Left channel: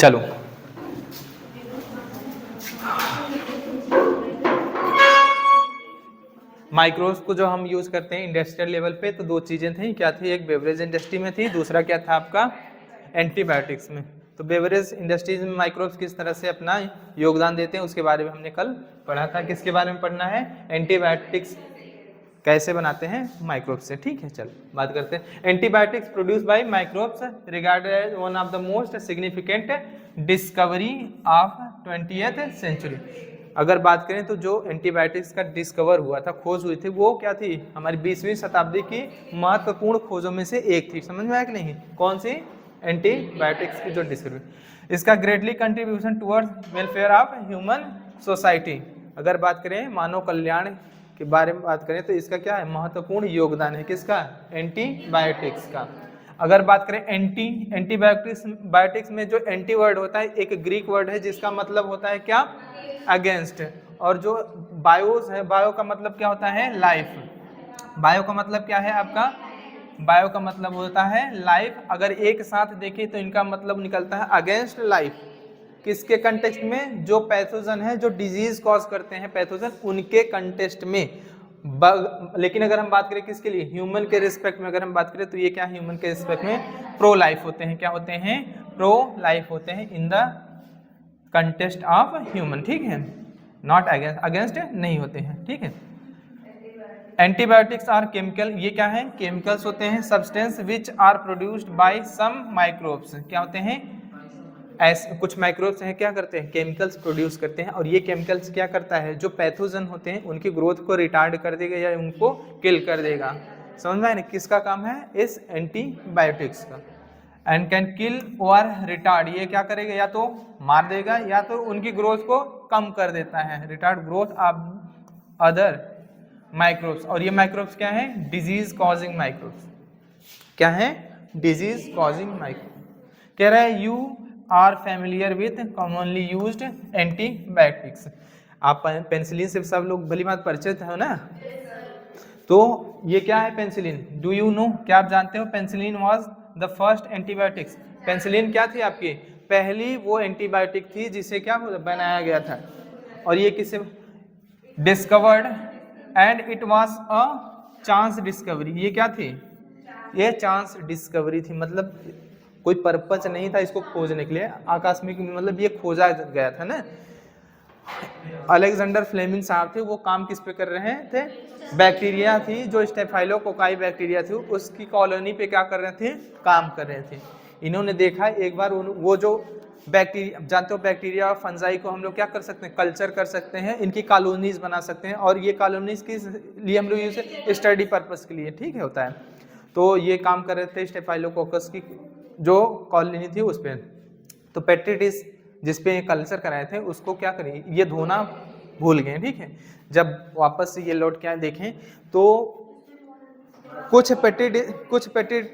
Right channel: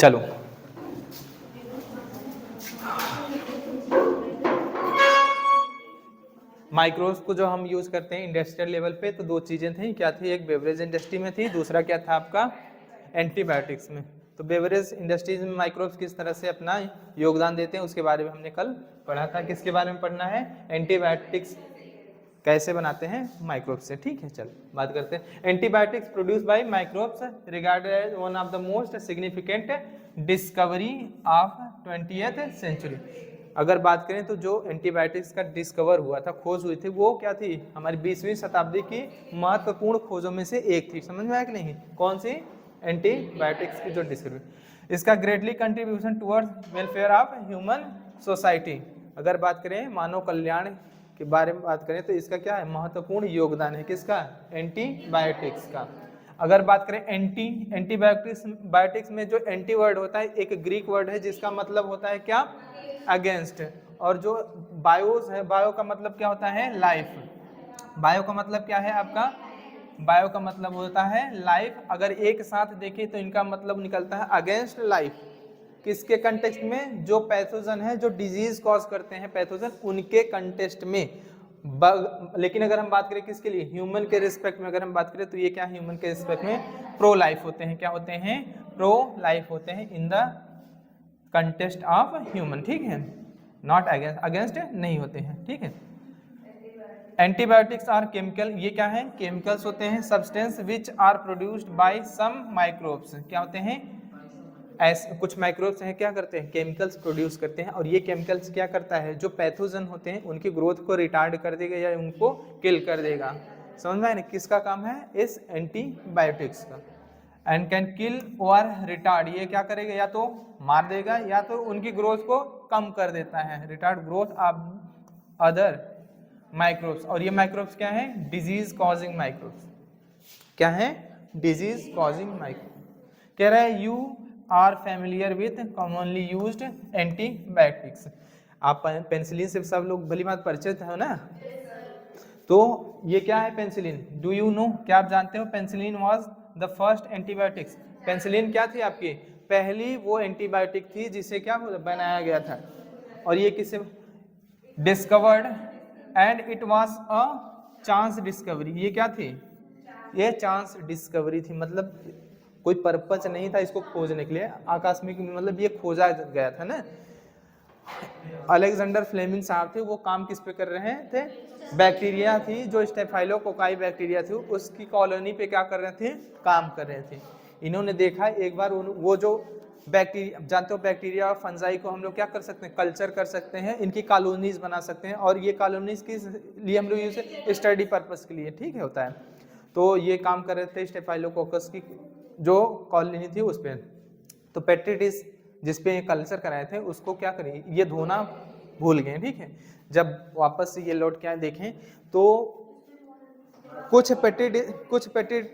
चलो माइक्रोब्स को जो हम यूज करते हैं इंडस्ट्रियल लेवल पे तो दो चीजें थी, क्या थी? एक बेवरेज इंडस्ट्री में थी, दूसरा क्या था आपका एंटीबायोटिक्स में। तो बेवरेज इंडस्ट्रीज में माइक्रोब्स किस तरह से अपना योगदान देते हैं उसके बारे में हमने कल पढ़ा था। किसके बारे में पढ़ना है? एंटीबायोटिक्स कैसे बनाते हैं माइक्रोब्स से। ठीक है, चल बात करते हैं। Antibiotics produce by microbes regarded as one of the most significant discovery of 20th century. अगर बात करें तो जो एंटीबायोटिक्स का डिस्कवर हुआ था, खोज हुई थी, वो क्या थी? हमारी 20वीं शताब्दी की महत्वपूर्ण खोजों में से एक थी। समझ में आया कि नहीं? कौन सी? एंटीबायोटिक्स की जो डिस्कवरी। इसका greatly contribution towards welfare of human society. अगर बात करें मानव कल्याण के बारे में बात करें तो इसका क्या है? महत्वपूर्ण योगदान है। किसका? एंटीबायोटिक्स का। अगर बात करें एंटीबायोटिक्स में जो एंटी वर्ड होता है एक ग्रीक वर्ड है जिसका मतलब होता है क्या? अगेंस्ट। और जो बायोस है, बायो का मतलब क्या होता है? लाइफ। बायो का मतलब क्या है आपका? बायो का मतलब होता है लाइफ। अगर एक साथ देखें तो इनका मतलब निकलता है अगेंस्ट लाइफ। किसके कंटेक्स्ट में? जो पैथोजन है, जो डिजीज कॉज करते हैं पैथोजन, उनके कंटेक्स्ट में। लेकिन अगर हम बात करें किसके लिए? ह्यूमन के रिस्पेक्ट में अगर हम बात करें तो ये क्या है? ह्यूमन के रिस्पेक्ट में प्रो लाइफ होते हैं। क्या होते हैं? प्रो लाइफ होते हैं in the contest of human. ठीक है, नॉट अगेंस्ट, अगेंस्ट नहीं होते हैं। ठीक है। एंटीबायोटिक्स आर केमिकल, ये क्या है? केमिकल्स होते हैं। Substance which are produced by some microbes. क्या होते हैं? ऐसे कुछ माइक्रोब्स हैं, क्या करते हैं? केमिकल्स प्रोड्यूस करते हैं। और ये केमिकल्स क्या करता है? जो पैथोजन होते हैं उनकी ग्रोथ को रिटार्ड कर देगा या उनको किल कर देगा। समझ में आया ना? किसका काम है? इस एंटीबायोटिक्स का। एंड कैन किल और रिटार्ड, ये क्या करेगा? या तो मार देगा या तो उनकी ग्रोथ को कम कर देता है। Retard growth of other microbes. और ये माइक्रोब्स क्या है? Disease causing microbes. क्या है? Disease causing microbe. कह रहा है you are familiar with commonly used antibiotics. आप पेनिसिलिन से सब लोग भली बात परिचित हो ना? तो ये क्या है पेनिसिलिन? Do you know? क्या आप जानते हो? Penicillin was the first antibiotics. Penicillin क्या थी आपकी? पहली वो एंटीबायोटिक थी जिसे क्या बनाया गया था। और ये किसे discovered and it was a chance discovery. ये क्या थी? ये चांस डिस्कवरी थी। मतलब कोई पर्पज नहीं था इसको खोजने के लिए, आकस्मिक, मतलब ये खोजा गया था ना। अलेक्जेंडर फ्लेमिंग साहब थे, वो काम किस पे कर रहे थे? बैक्टीरिया थी जो स्टेफाइलोकोकाई बैक्टीरिया थी उसकी कॉलोनी पे क्या कर रहे थे? काम कर रहे थे। इन्होंने देखा एक बार वो जो बैक्टीरिया, जानते हो बैक्टीरिया और फंजाई को हम लोग क्या कर सकते हैं? कल्चर कर सकते हैं, इनकी कॉलोनीज बना सकते हैं। और ये कॉलोनीज किस लिए हम लोग यूज स्टडी पर्पस के लिए, ठीक है, होता है। तो ये काम कर रहे थे स्टेफाइलोकोकस की जो कॉलोनी थी उस पर। तो पेट्रिटिस जिसपे कल्चर कराए थे उसको क्या करें? ये धोना भूल गए। ठीक है, जब वापस से ये लौट के देखें तो कुछ पेटी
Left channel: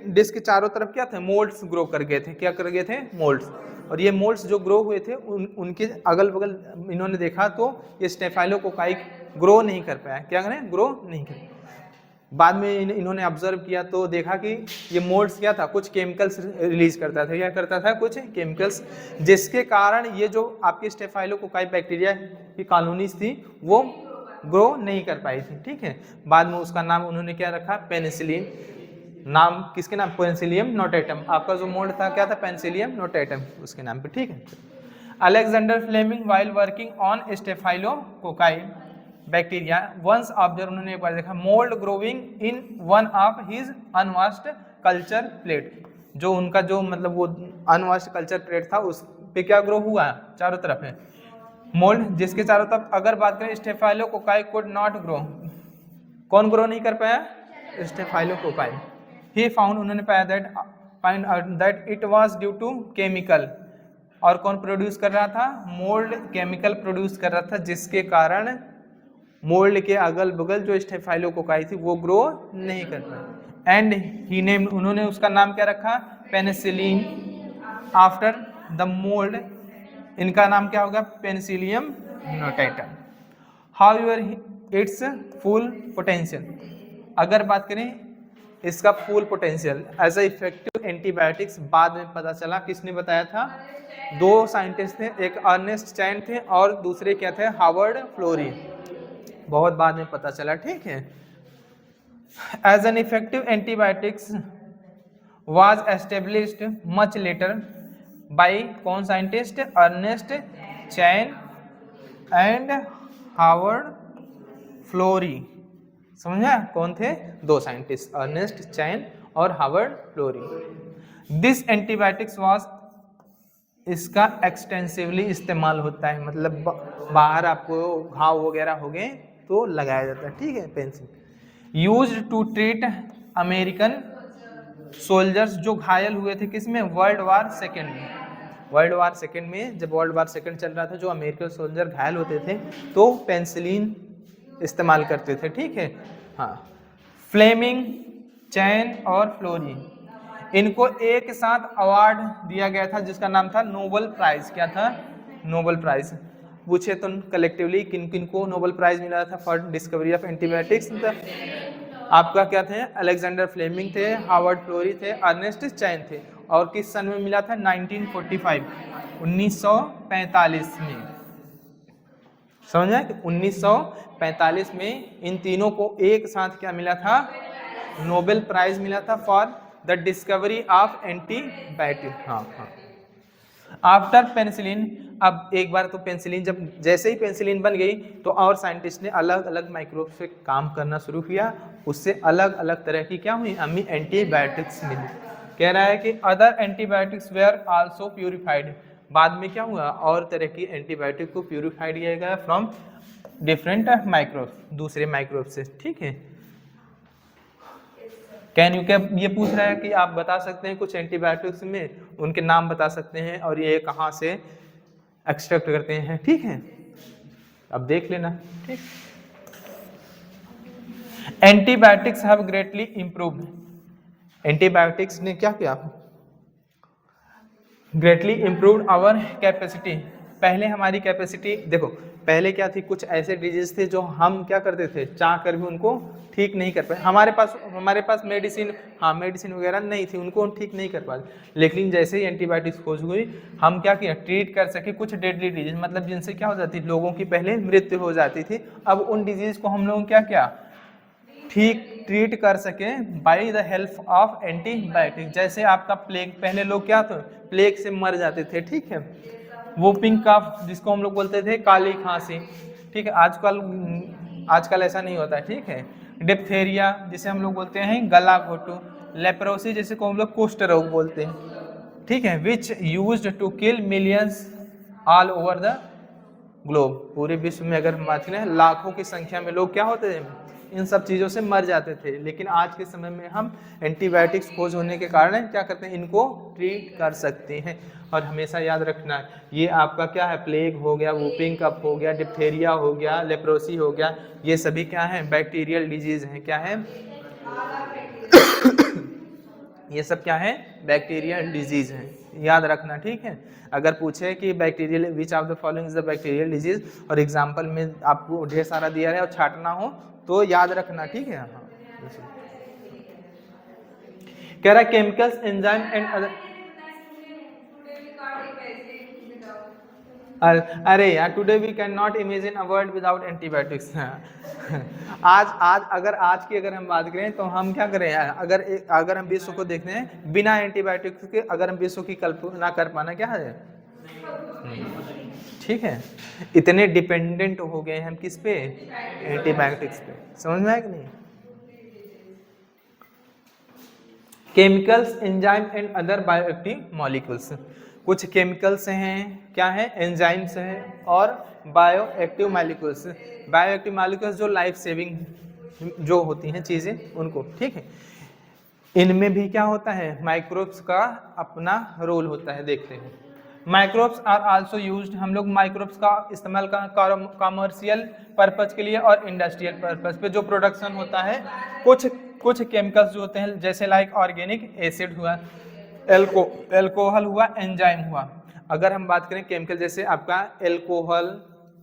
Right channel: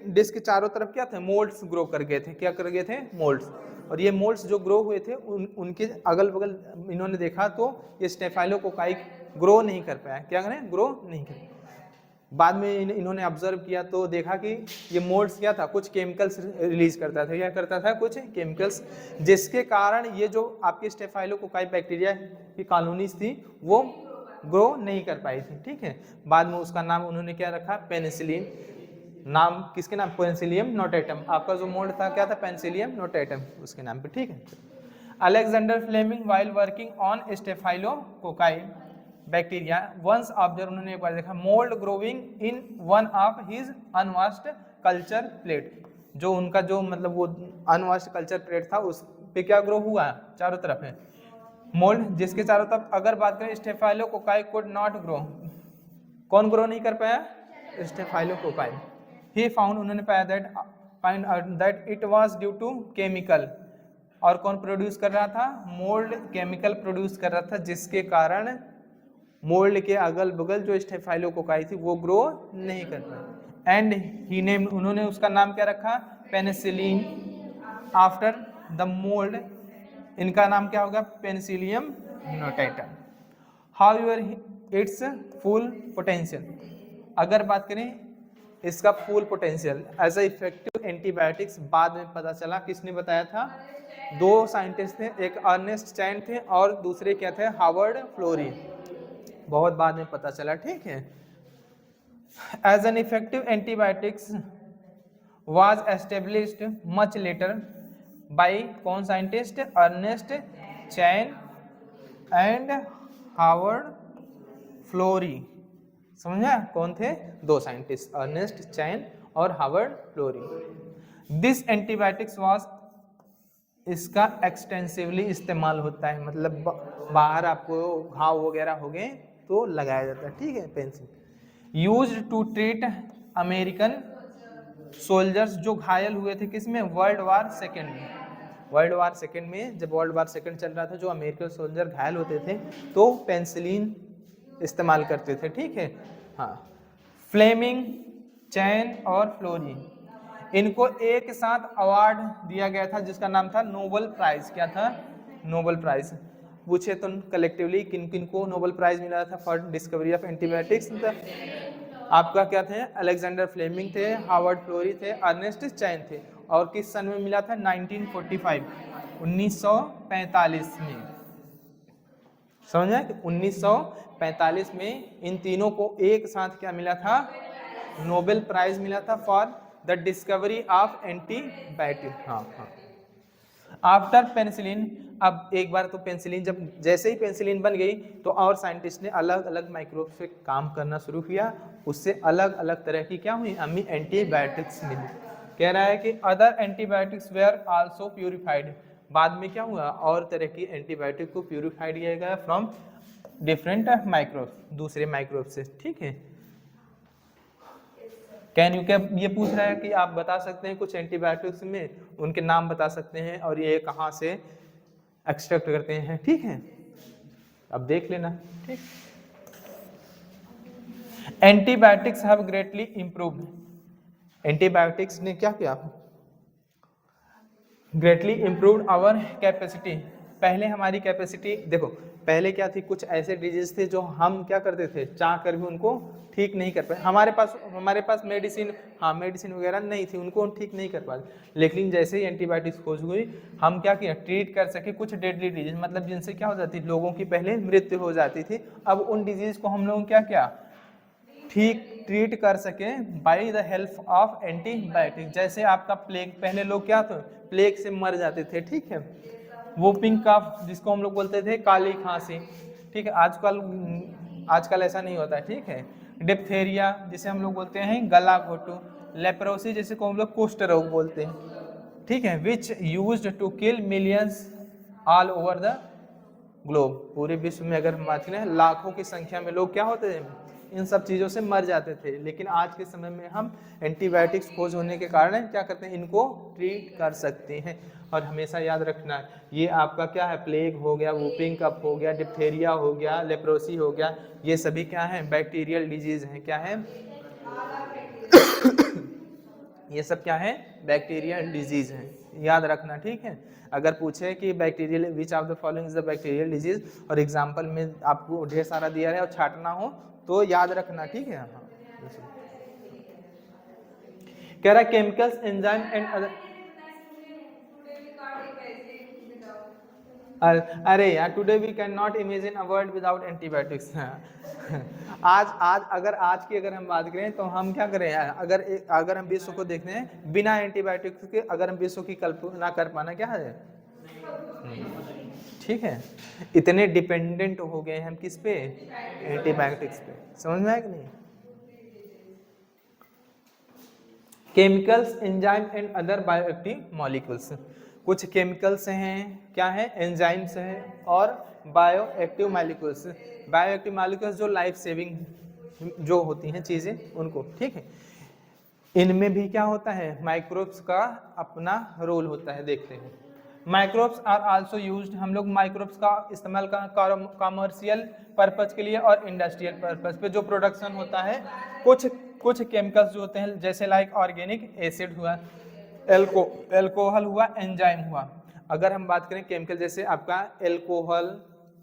डिस्क के चारों तरफ क्या थे? मोल्ड्स ग्रो कर गए थे। क्या कर गए थे? मोल्ड्स। और ये मोल्ड्स जो ग्रो हुए थे उनके अगल बगल इन्होंने देखा तो ये स्टेफाइलोकोकाई ग्रो नहीं कर पाया। क्या करें? ग्रो नहीं कर। बाद में इन्होंने ऑब्जर्व किया तो देखा कि ये मोल्ड्स क्या था? कुछ केमिकल्स रिलीज करता था। क्या करता था? कुछ केमिकल्स, जिसके कारण ये जो आपके स्टेफाइलोकोकाई बैक्टीरिया की कॉलोनीज थी वो ग्रो नहीं कर पाई थी। ठीक है, बाद में उसका नाम उन्होंने क्या रखा? पेनिसिलिन। नाम किसके नाम? Penicillium notatum. आपका जो मोल्ड था क्या था? पेनिसिलियम नोटेटम, उसके नाम पे। ठीक है। Alexander Fleming while working on staphylococci bacteria once observe, उन्होंने एक बार देखा mould growing in one of his unwashed culture plate. जो उनका जो मतलब वो अनवाश्ड कल्चर प्लेट था उस पे क्या ग्रो हुआ? चारों तरफ है मोल्ड, जिसके चारों तरफ अगर बात करें स्टेफाइलोकोकाई कुड नॉट ग्रो। कौन ग्रो नहीं कर पाया? स्टेफाइलोकोकाई। ही फाउंड, उन्होंने पाया that it was due to chemical. और कौन प्रोड्यूस कर रहा था? मोल्ड केमिकल प्रोड्यूस कर रहा था, जिसके कारण मोल्ड के अगल बगल जो स्टेफाइलोकोकाई थी वो ग्रो नहीं कर पाई। एंड ही नेम, उन्होंने उसका नाम क्या रखा? Penicillin after the mould. इनका नाम क्या होगा? Penicillium notatum. However it's full potential. अगर बात करें इसका full potential as a effective antibiotics बाद में पता चला। किसने बताया था? दो साइंटिस्ट थे, एक अर्नेस्ट चैन थे और दूसरे क्या थे? Harvard Florey. बहुत बाद में पता चला, ठीक है। As an effective antibiotics was established much later by कौन scientist? Ernest Chain and Harvard Florey. समझा? कौन थे? दो साइंटिस्ट, अर्नेस्ट चैन और Harvard Florey. This antibiotics was, इसका एक्सटेंसिवली इस्तेमाल होता है, मतलब बाहर आपको घाव वगैरह हो गए तो लगाया जाता है, ठीक है। Penicillin used to treat American soldiers जो घायल हुए थे किसमें? वर्ल्ड वार सेकेंड में। वर्ल्ड वार सेकेंड में, जब वर्ल्ड वार सेकेंड चल रहा था, जो अमेरिकन सोल्जर घायल होते थे तो पेंसिलिन इस्तेमाल करते थे, ठीक है। हाँ, फ्लेमिंग, चैन और फ्लोरी, इनको एक साथ अवार्ड दिया गया था जिसका नाम था नोबेल प्राइज। क्या था? Nobel prize. पूछे तो कलेक्टिवली किन किन को नोबेल प्राइज मिला था फॉर डिस्कवरी ऑफ एंटीबायोटिक्स? आपका क्या थे? अलेक्जेंडर फ्लेमिंग थे, हार्वर्ड फ्लोरी थे, अर्नेस्ट चैन थे। और किस सन में मिला था? 1945, 1945 में। समझ आए? 1945 में इन तीनों को एक साथ क्या मिला था? नोबेल प्राइज मिला था for the discovery of antibiotic. हाँ हाँ। आफ्टर पेनिसिलिन, अब एक बार तो पेनिसिलिन, जब जैसे ही पेनिसिलिन बन गई तो और साइंटिस्ट ने अलग अलग माइक्रोब से काम करना शुरू किया, उससे अलग अलग तरह की क्या हुई? हमें एंटीबायोटिक्स मिली। कह रहा है कि other antibiotics where also purified, बाद में क्या हुआ? और तरह की एंटीबायोटिक को प्यूरिफाइड किया गया फ्रॉम डिफरेंट माइक्रोब, दूसरे माइक्रोब से, ठीक है। कैन यू, क्या ये पूछ रहा है कि आप बता सकते हैं कुछ एंटीबायोटिक्स में उनके नाम बता सकते हैं और ये कहाँ से एक्सट्रैक्ट करते हैं, ठीक है। अब देख लेना, ठीक। Antibiotics have greatly improved, antibiotics ने क्या किया? Greatly improved our capacity. पहले हमारी कैपेसिटी देखो, पहले क्या थी? कुछ ऐसे डिजीज थे जो हम क्या करते थे? चाह कर भी उनको ठीक नहीं कर पाए। हमारे पास मेडिसिन, हाँ मेडिसिन वगैरह नहीं थी, उनको हम ठीक नहीं कर पाए। लेकिन जैसे ही एंटीबायोटिक्स खोज हुई, हम क्या किया? ट्रीट कर सके कुछ डेडली डिजीज, मतलब जिनसे क्या हो जाती, लोगों की पहले मृत्यु हो जाती थी। अब उन डिजीज को हम लोग क्या किया? ठीक ट्रीट कर सके by the help of antibiotic. जैसे आपका प्लेग, पहले लोग क्या थे? प्लेग से मर जाते थे, ठीक है। वोपिंग कफ, जिसको हम लोग बोलते थे काली खांसी, ठीक है। आजकल ऐसा नहीं होता है, ठीक है। डिप्थेरिया, जिसे हम लोग बोलते हैं गला घोटू। लेप्रोसी, जिसे को हम लोग कुष्ठ रोग बोलते हैं, ठीक है। Which used to kill millions all over the globe, पूरे विश्व में अगर हम बात करें लाखों की संख्या में लोग क्या होते हैं? इन सब चीज़ों से मर जाते थे। लेकिन आज के समय में हम एंटीबायोटिक्स खोज होने के कारण क्या करते हैं? इनको ट्रीट कर सकते हैं। और हमेशा याद रखना, ये आपका क्या है? प्लेग हो गया, वूपिंग कफ हो गया, डिप्थेरिया हो गया, लेप्रोसी हो गया, ये सभी क्या है? बैक्टीरियल डिजीज हैं। क्या है? ये सब क्या है? बैक्टीरियल डिजीज है, याद रखना, ठीक है। अगर पूछे कि bacterial which of the following is the bacterial disease और एग्जांपल में आपको ढेर सारा दिया है और छाटना हो तो याद रखना, ठीक है। हाँ, कह रहा है केमिकल्स, एंजाइम एंड अदर। अरे यार, today we can not imagine a world without antibiotics. अगर हम बात करें तो हम क्या करें यार? अगर हम विश्व को देखते हैं बिना एंटीबायोटिक्स के, अगर हम विश्व की कल्पना कर पाना क्या है? ठीक है, इतने डिपेंडेंट हो गए हम किस पे? एंटीबायोटिक्स पे। समझ में आया कि नहीं? Chemicals, enzyme and other bioactive molecules, कुछ केमिकल्स हैं, क्या है? एंजाइम्स हैं और बायोएक्टिव मॉलिक्यूल्स। बायोएक्टिव मॉलिक्यूल्स जो लाइफ सेविंग जो होती हैं चीज़ें, उनको, ठीक है। इनमें भी क्या होता है? माइक्रोब्स का अपना रोल होता है, देखते हैं। माइक्रोब्स आर आल्सो यूज्ड, हम लोग माइक्रोब्स का इस्तेमाल कॉमर्शियल पर्पज के लिए और इंडस्ट्रियल पर्पज पे जो प्रोडक्शन होता है। कुछ केमिकल्स जो होते हैं, जैसे लाइक ऑर्गेनिक एसिड हुआ, एल्कोहल हुआ, एंजाइम हुआ। अगर हम बात करें केमिकल, जैसे आपका एल्कोहल,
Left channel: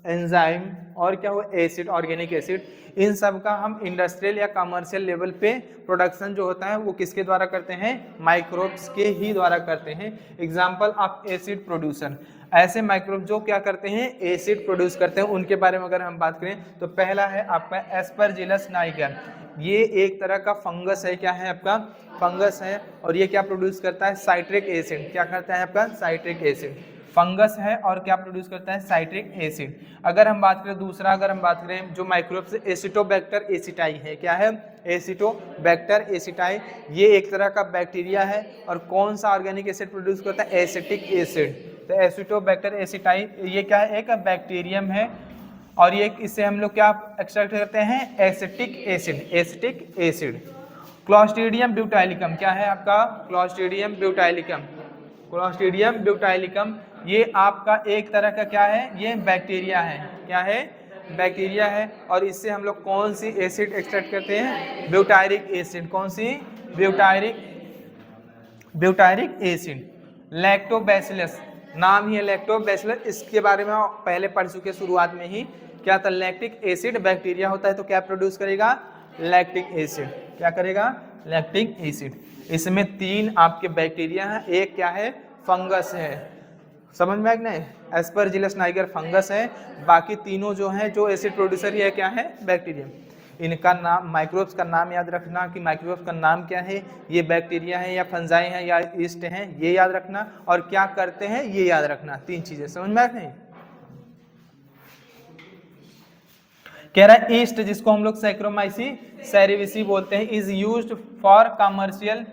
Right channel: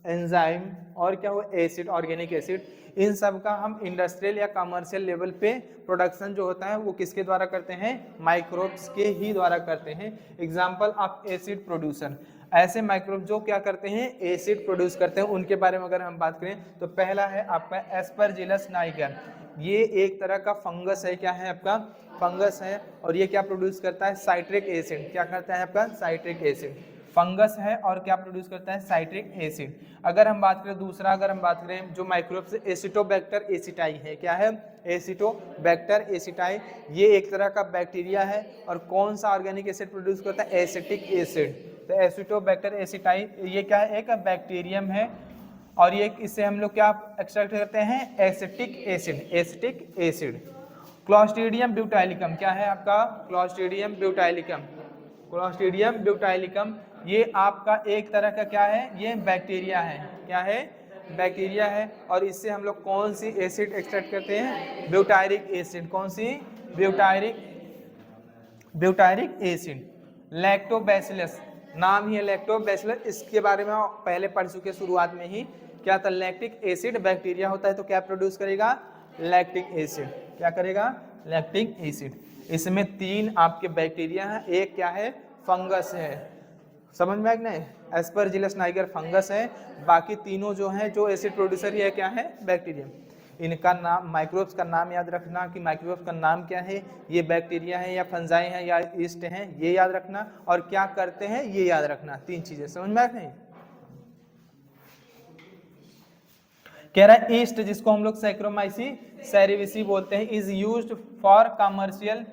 एंजाइम और क्या हुआ एसिड, ऑर्गेनिक एसिड, इन सब का हम इंडस्ट्रियल या कमर्शियल लेवल पे प्रोडक्शन जो होता है वो किसके द्वारा करते हैं, माइक्रोब्स के ही द्वारा करते हैं। एग्जाम्पल ऑफ एसिड प्रोड्यूसन, ऐसे माइक्रोब जो क्या करते हैं एसिड प्रोड्यूस करते हैं, उनके बारे में अगर हम बात करें तो पहला है आपका एस्परजिलस नाइगर, ये एक तरह का फंगस है, क्या है आपका फंगस है, और ये क्या प्रोड्यूस करता है साइट्रिक एसिड, क्या करता है आपका साइट्रिक एसिड, फंगस है और क्या प्रोड्यूस करता है साइट्रिक एसिड। अगर हम बात करें दूसरा, अगर हम बात करें जो माइक्रोब्स एसिटोबैक्टर एसिटाई है, क्या है एसिटोबैक्टर एसिटाई, ये एक तरह का बैक्टीरिया है और कौन सा ऑर्गेनिक एसिड प्रोड्यूस करता है एसिटिक एसिड। तो एसिटोबैक्टर एसिटाई ये क्या है एक बैक्टीरियम है और ये इससे हम लोग क्या एक्सट्रैक्ट करते हैं acetic acid, acetic acid. Clostridium butylicum क्या है आपका क्लॉस्ट्रीडियम ब्यूटाइलिकम, क्लॉस्ट्रीडियम ब्यूटाइलिकम ये आपका एक तरह का क्या है ये बैक्टीरिया है, क्या है बैक्टीरिया है और इससे हम लोग कौन सी एसिड एक्सट्रैक्ट करते हैं ब्यूटायरिक एसिड, कौन सी ब्यूटायरिक एसिड। लैक्टोबैसिलस नाम ही है लैक्टोबैसिलस, इसके बारे में पहले पढ़ चुके शुरुआत में ही, क्या था लैक्टिक एसिड बैक्टीरिया होता है तो क्या प्रोड्यूस करेगा लैक्टिक एसिड, क्या करेगा लैक्टिक एसिड। इसमें 3 आपके बैक्टीरिया हैं, एक क्या है फंगस है, समझ में आया कि नहीं, एस्परजिलस नाइगर फंगस है, बाकी तीनों जो हैं जो एसिड प्रोड्यूसर ये क्या है बैक्टीरिया। इनका नाम माइक्रोब्स का नाम याद रखना कि माइक्रोब्स का नाम क्या है, ये बैक्टीरिया है या फंजाई है या ईस्ट हैं, ये याद रखना, और क्या करते हैं ये याद रखना, 3 चीजें समझ में आया नहीं। कह रहा है ईस्ट जिसको हम लोग सैक्रोमाइसी सेरेविसी बोलते हैं is used for commercial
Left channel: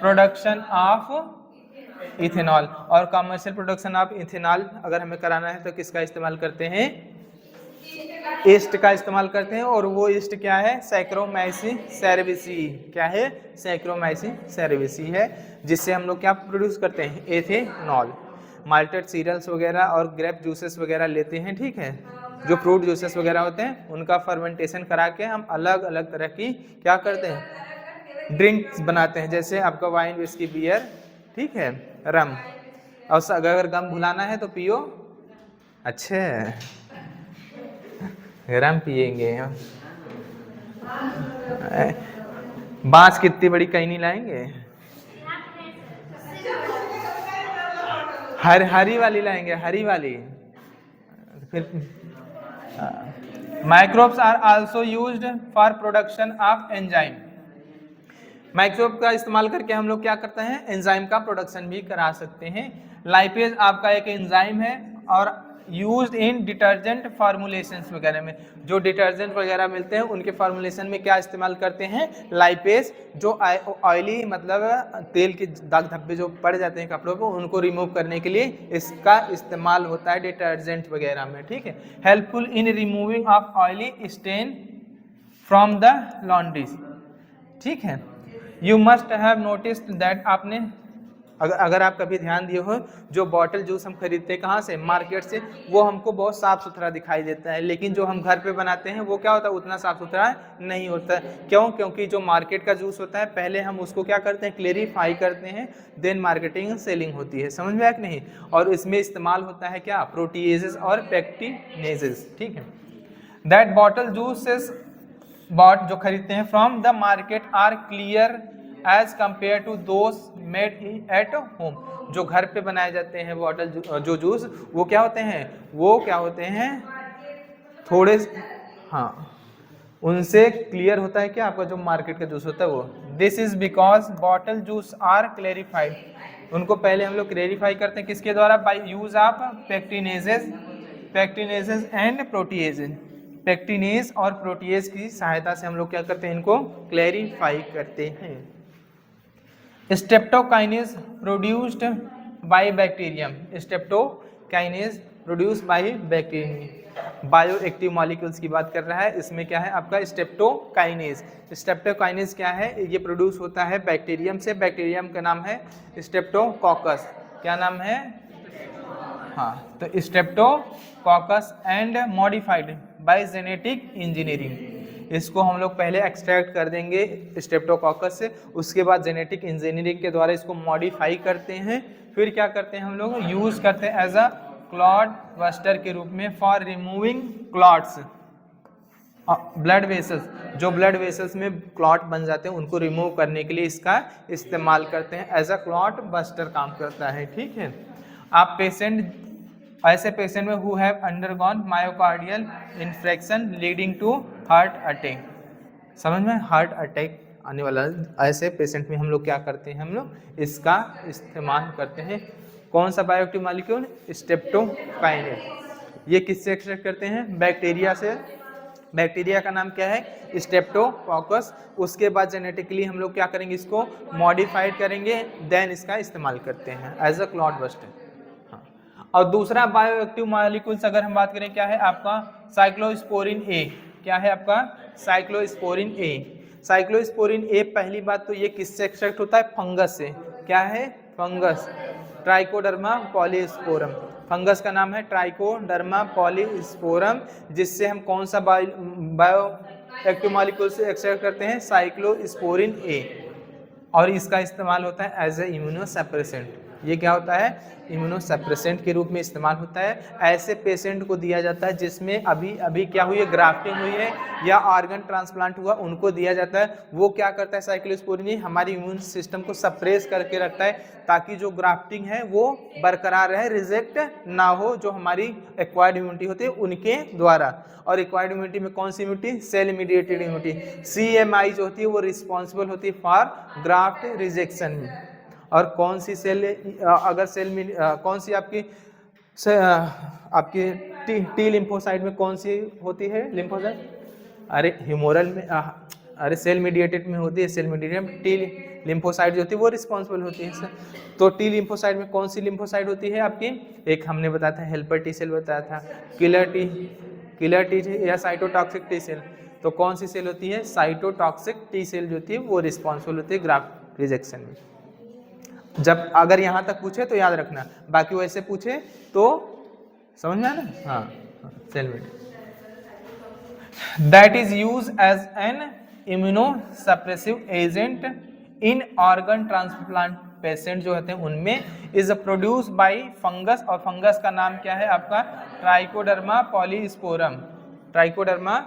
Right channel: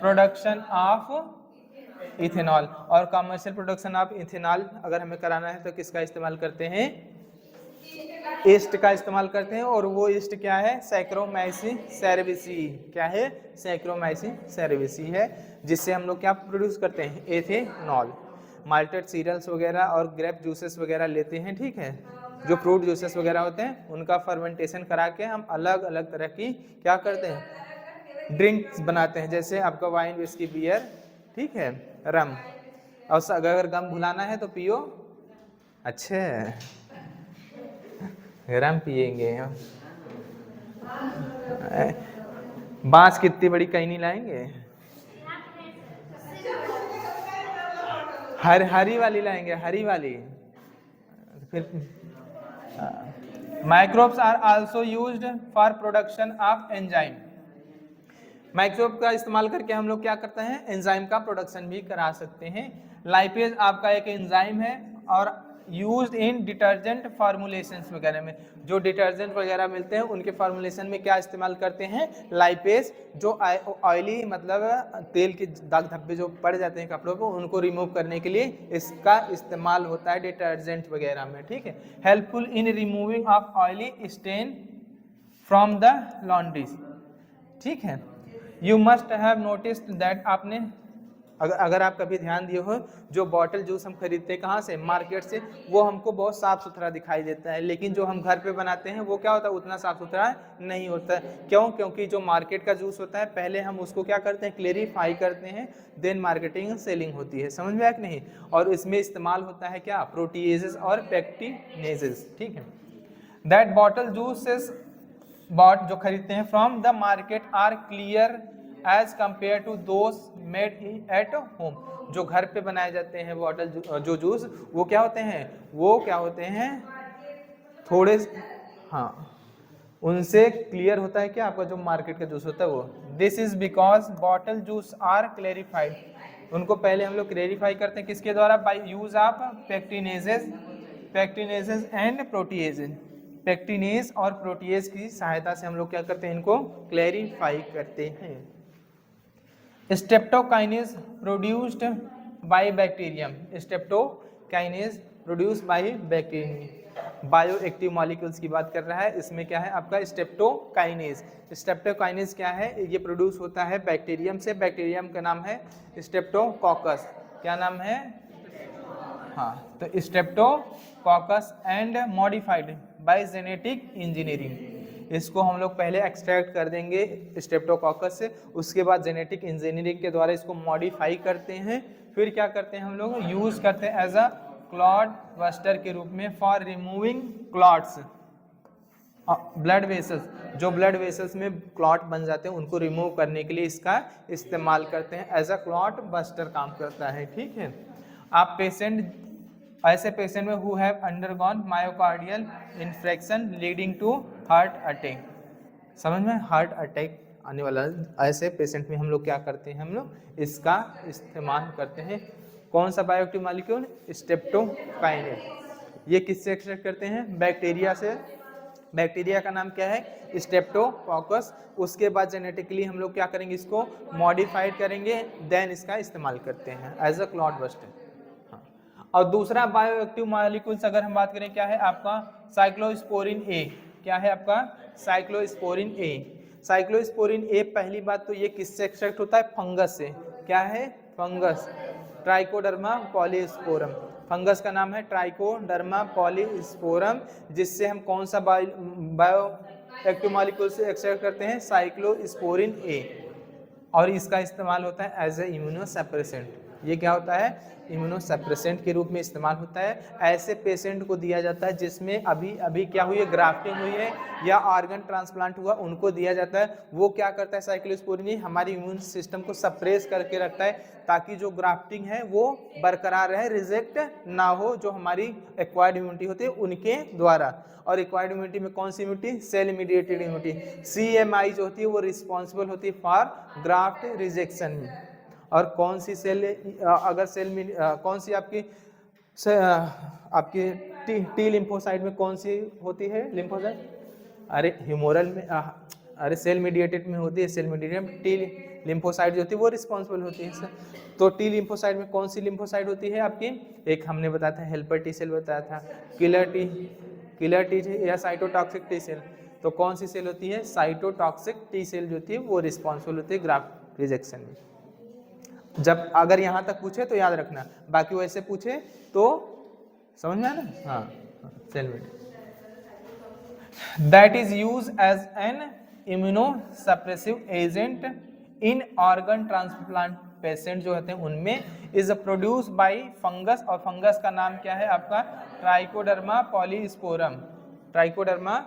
production of ethanol, और कमर्शियल प्रोडक्शन ऑफ इथेनॉल अगर हमें कराना है तो किसका इस्तेमाल करते हैं ईस्ट का इस्तेमाल करते हैं, और वो ईस्ट क्या है सैक्रोमाइसी सेरेविसी, क्या है सैक्रोमाइसी सेरेविसी है, जिससे हम लोग क्या प्रोड्यूस करते हैं एथेनॉल। माल्टेड सीरियल्स वगैरह और ग्रेप जूसेस वगैरह लेते हैं, ठीक है, जो फ्रूट जूसेस वगैरह होते हैं उनका फर्मेंटेशन करा के हम अलग अलग तरह की क्या करते हैं ड्रिंक्स बनाते हैं, जैसे आपका वाइन विस्की बियर, ठीक है, रम, और अगर गम भुलाना है तो पियो, अच्छे रम पिएंगे, बांस कितनी बड़ी कहीं नहीं लाएंगे, हरी वाली लाएंगे, हरी वाली। फिर microbes are also used for production of enzyme, microbe का इस्तेमाल करके हम लोग क्या करते हैं एंजाइम का प्रोडक्शन भी करा सकते हैं। लाइपेज आपका एक एंजाइम है और यूज्ड इन डिटर्जेंट फार्मूलेशंस वगैरह में, जो डिटर्जेंट वगैरह मिलते हैं उनके फार्मूलेशन में क्या इस्तेमाल करते हैं लाइपेज, जो ऑयली मतलब तेल के दाग धब्बे जो पड़ जाते हैं कपड़ों पर उनको रिमूव करने के लिए इसका इस्तेमाल होता है डिटर्जेंट वगैरह में, ठीक है। Helpful in removing of oily stain from the laundries, ठीक है। You must have noticed that, आपने अगर आप कभी ध्यान दिए हो जो बॉटल जूस हम खरीदते हैं कहाँ से मार्केट से, वो हमको बहुत साफ सुथरा दिखाई देता है, लेकिन जो हम घर पे बनाते हैं वो क्या होता है उतना साफ सुथरा नहीं होता है। क्यों? क्योंकि जो मार्केट का जूस होता है पहले हम उसको क्या करते हैं क्लेरिफाई करते हैं, देन मार्केटिंग सेलिंग होती है, समझ में आया कि नहीं। और इसमें इस्तेमाल होता है क्या प्रोटीएजेस और पेक्टिनेजेस, ठीक है। दैट बॉटल जूसेस बॉट जो खरीदते हैं from the market are clear as compare to those made at home, जो घर पे बनाए जाते हैं बॉटल जो जूस वो क्या होते हैं थोड़े, हाँ, उनसे क्लियर होता है क्या आपका जो मार्केट का जूस होता है वो। This is because bottle juice are clarified, उनको पहले हम लोग क्लेरिफाई करते हैं किसके द्वारा, by use of pectinases and proteases, pectinase और प्रोटीएज की सहायता से हम लोग क्या करते हैं इनको क्लेरिफाई करते हैं। Streptokinase produced by bacterium, streptokinase produced by bacterium, bioactive molecules की बात कर रहा है, इसमें क्या है आपका स्ट्रेप्टोकाइनेज। स्ट्रेप्टोकाइनेज क्या है, ये प्रोड्यूस होता है बैक्टीरियम से, बैक्टीरियम का नाम है स्ट्रेप्टोकोकस, क्या नाम है, हाँ, तो Streptococcus and modified by genetic engineering, इसको हम लोग पहले एक्सट्रैक्ट कर देंगे स्ट्रेप्टोकोकस से, उसके बाद जेनेटिक इंजीनियरिंग के द्वारा इसको मॉडिफाई करते हैं, फिर क्या करते हैं हम लोग यूज़ करते हैं एज अ क्लॉट बस्टर के रूप में for removing clots, blood vessels, जो ब्लड वेसल्स में क्लॉट बन जाते हैं उनको रिमूव करने के लिए इसका इस्तेमाल करते हैं। एज अ क्लॉट बस्टर काम करता है। ठीक है। आप पेशेंट, ऐसे पेशेंट में who have undergone myocardial infection leading to heart attack, समझ में, हार्ट अटैक आने वाला, ऐसे पेशेंट में हम लोग क्या करते हैं, हम लोग इसका इस्तेमाल करते हैं। कौन सा बायोएक्टिव मॉलिक्यूल, स्ट्रेप्टोकाइनेस। ये किससे एक्सट्रैक्ट करते हैं, बैक्टीरिया से। बैक्टीरिया का नाम क्या है, स्ट्रेप्टोकोकस। उसके बाद जेनेटिकली हम लोग क्या करेंगे, इसको मॉडिफाइड करेंगे, देन इसका इस्तेमाल करते हैं एज अ क्लॉट बस्टर। हाँ। और दूसरा बायोएक्टिव मॉलिक्यूल्स अगर हम बात करें, क्या है आपका साइक्लोस्पोरिन ए। क्या है आपका साइक्लोस्पोरिन ए। साइक्लोस्पोरिन ए, पहली बात तो ये किससे एक्सट्रैक्ट होता है, फंगस से। क्या है, फंगस, ट्राइकोडर्मा पॉलीस्पोरम। फंगस का नाम है ट्राइकोडर्मा पॉलीस्पोरम, जिससे हम कौन सा बायो एक्टिव मॉलिक्यूल से एक्सट्रैक्ट करते हैं, साइक्लोस्पोरिन ए। और इसका इस्तेमाल होता है एज ए इम्यूनोसप्रेसेंट। ये क्या होता है, इम्यूनोसप्रेसेंट के रूप में इस्तेमाल होता है। ऐसे पेशेंट को दिया जाता है जिसमें अभी अभी क्या हुई है, ग्राफ्टिंग हुई है या ऑर्गन ट्रांसप्लांट हुआ, उनको दिया जाता है। वो क्या करता है, साइक्लोस्पोरिन हमारी इम्यून सिस्टम को सप्रेस करके रखता है, ताकि जो ग्राफ्टिंग है वो बरकरार रहे, रिजेक्ट ना हो, जो हमारी एक्वायर्ड इम्यूनिटी होती है उनके द्वारा। और एक्वायर्ड इम्यूनिटी में कौन सी immunity, cell mediated immunity, CMI जो होती है वो रिस्पॉन्सिबल होती है फॉर ग्राफ्ट रिजेक्शन में। और कौन सी सेल, अगर सेल में कौन सी आपकी आपकी टी लिम्फोसाइट में कौन सी होती है लिम्फोसाइट, अरे ह्यूमोरल में, अरे सेल मीडिएटेड में होती है, सेल मीडिएटेड टी लिम्फोसाइट जो होती है वो रिस्पॉन्सिबल होती है सर। तो टी लिम्फोसाइट में कौन सी लिम्फोसाइट होती है आपकी, एक हमने बताया था हेल्पर टी सेल बताया था, किलर टी या साइटोटॉक्सिक टी सेल। तो कौन सी सेल होती है, साइटोटॉक्सिक टी सेल जो होती है वो रिस्पॉन्सिबल होती है ग्राफ्ट रिजेक्शन में। जब अगर यहाँ तक पूछे तो याद रखना, बाकी वैसे पूछे तो समझ में आना। हाँ, सेल में that is use as an immunosuppressive agent in organ transplant patient जो होते हैं उनमें, इज प्रोड्यूस बाय फंगस। और फंगस का नाम क्या है आपका, Trichoderma polysporum. Trichoderma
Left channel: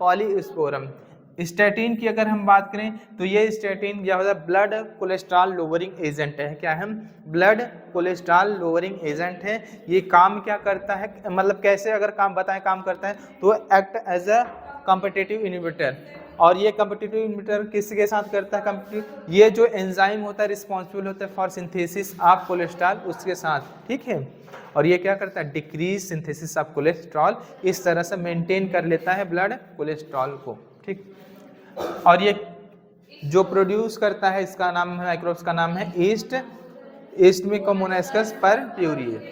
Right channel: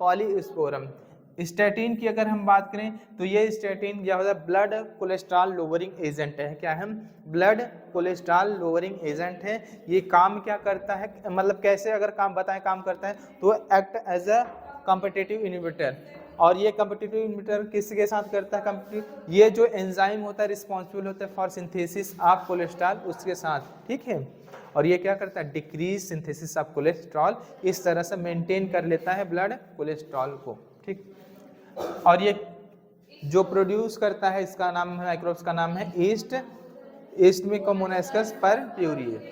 polysporum. Statin की अगर हम बात करें तो ये स्टैटिन या ब्लड कोलेस्ट्रॉल लोअरिंग एजेंट है। क्या है, ब्लड कोलेस्ट्रॉल लोअरिंग एजेंट है। ये काम क्या करता है, मतलब कैसे अगर काम बताएं काम करता है, तो act as a competitive inhibitor. और ये कॉम्पिटिटिव इनहिबिटर किसके साथ करता है, कॉम्पिटिटिव, ये जो एंजाइम होता है रिस्पॉन्सिबल होता है फॉर सिंथेसिस ऑफ कोलेस्ट्रॉल, उसके साथ। ठीक है। और ये क्या करता है, डिक्रीज सिंथेसिस ऑफ कोलेस्ट्रॉल, इस तरह से मेंटेन कर लेता है ब्लड कोलेस्ट्रॉल को। ठीक। और ये जो प्रोड्यूस करता है, इसका नाम है, माइक्रोब्स का नाम है ईस्ट। ईस्ट में Monascus purpureus.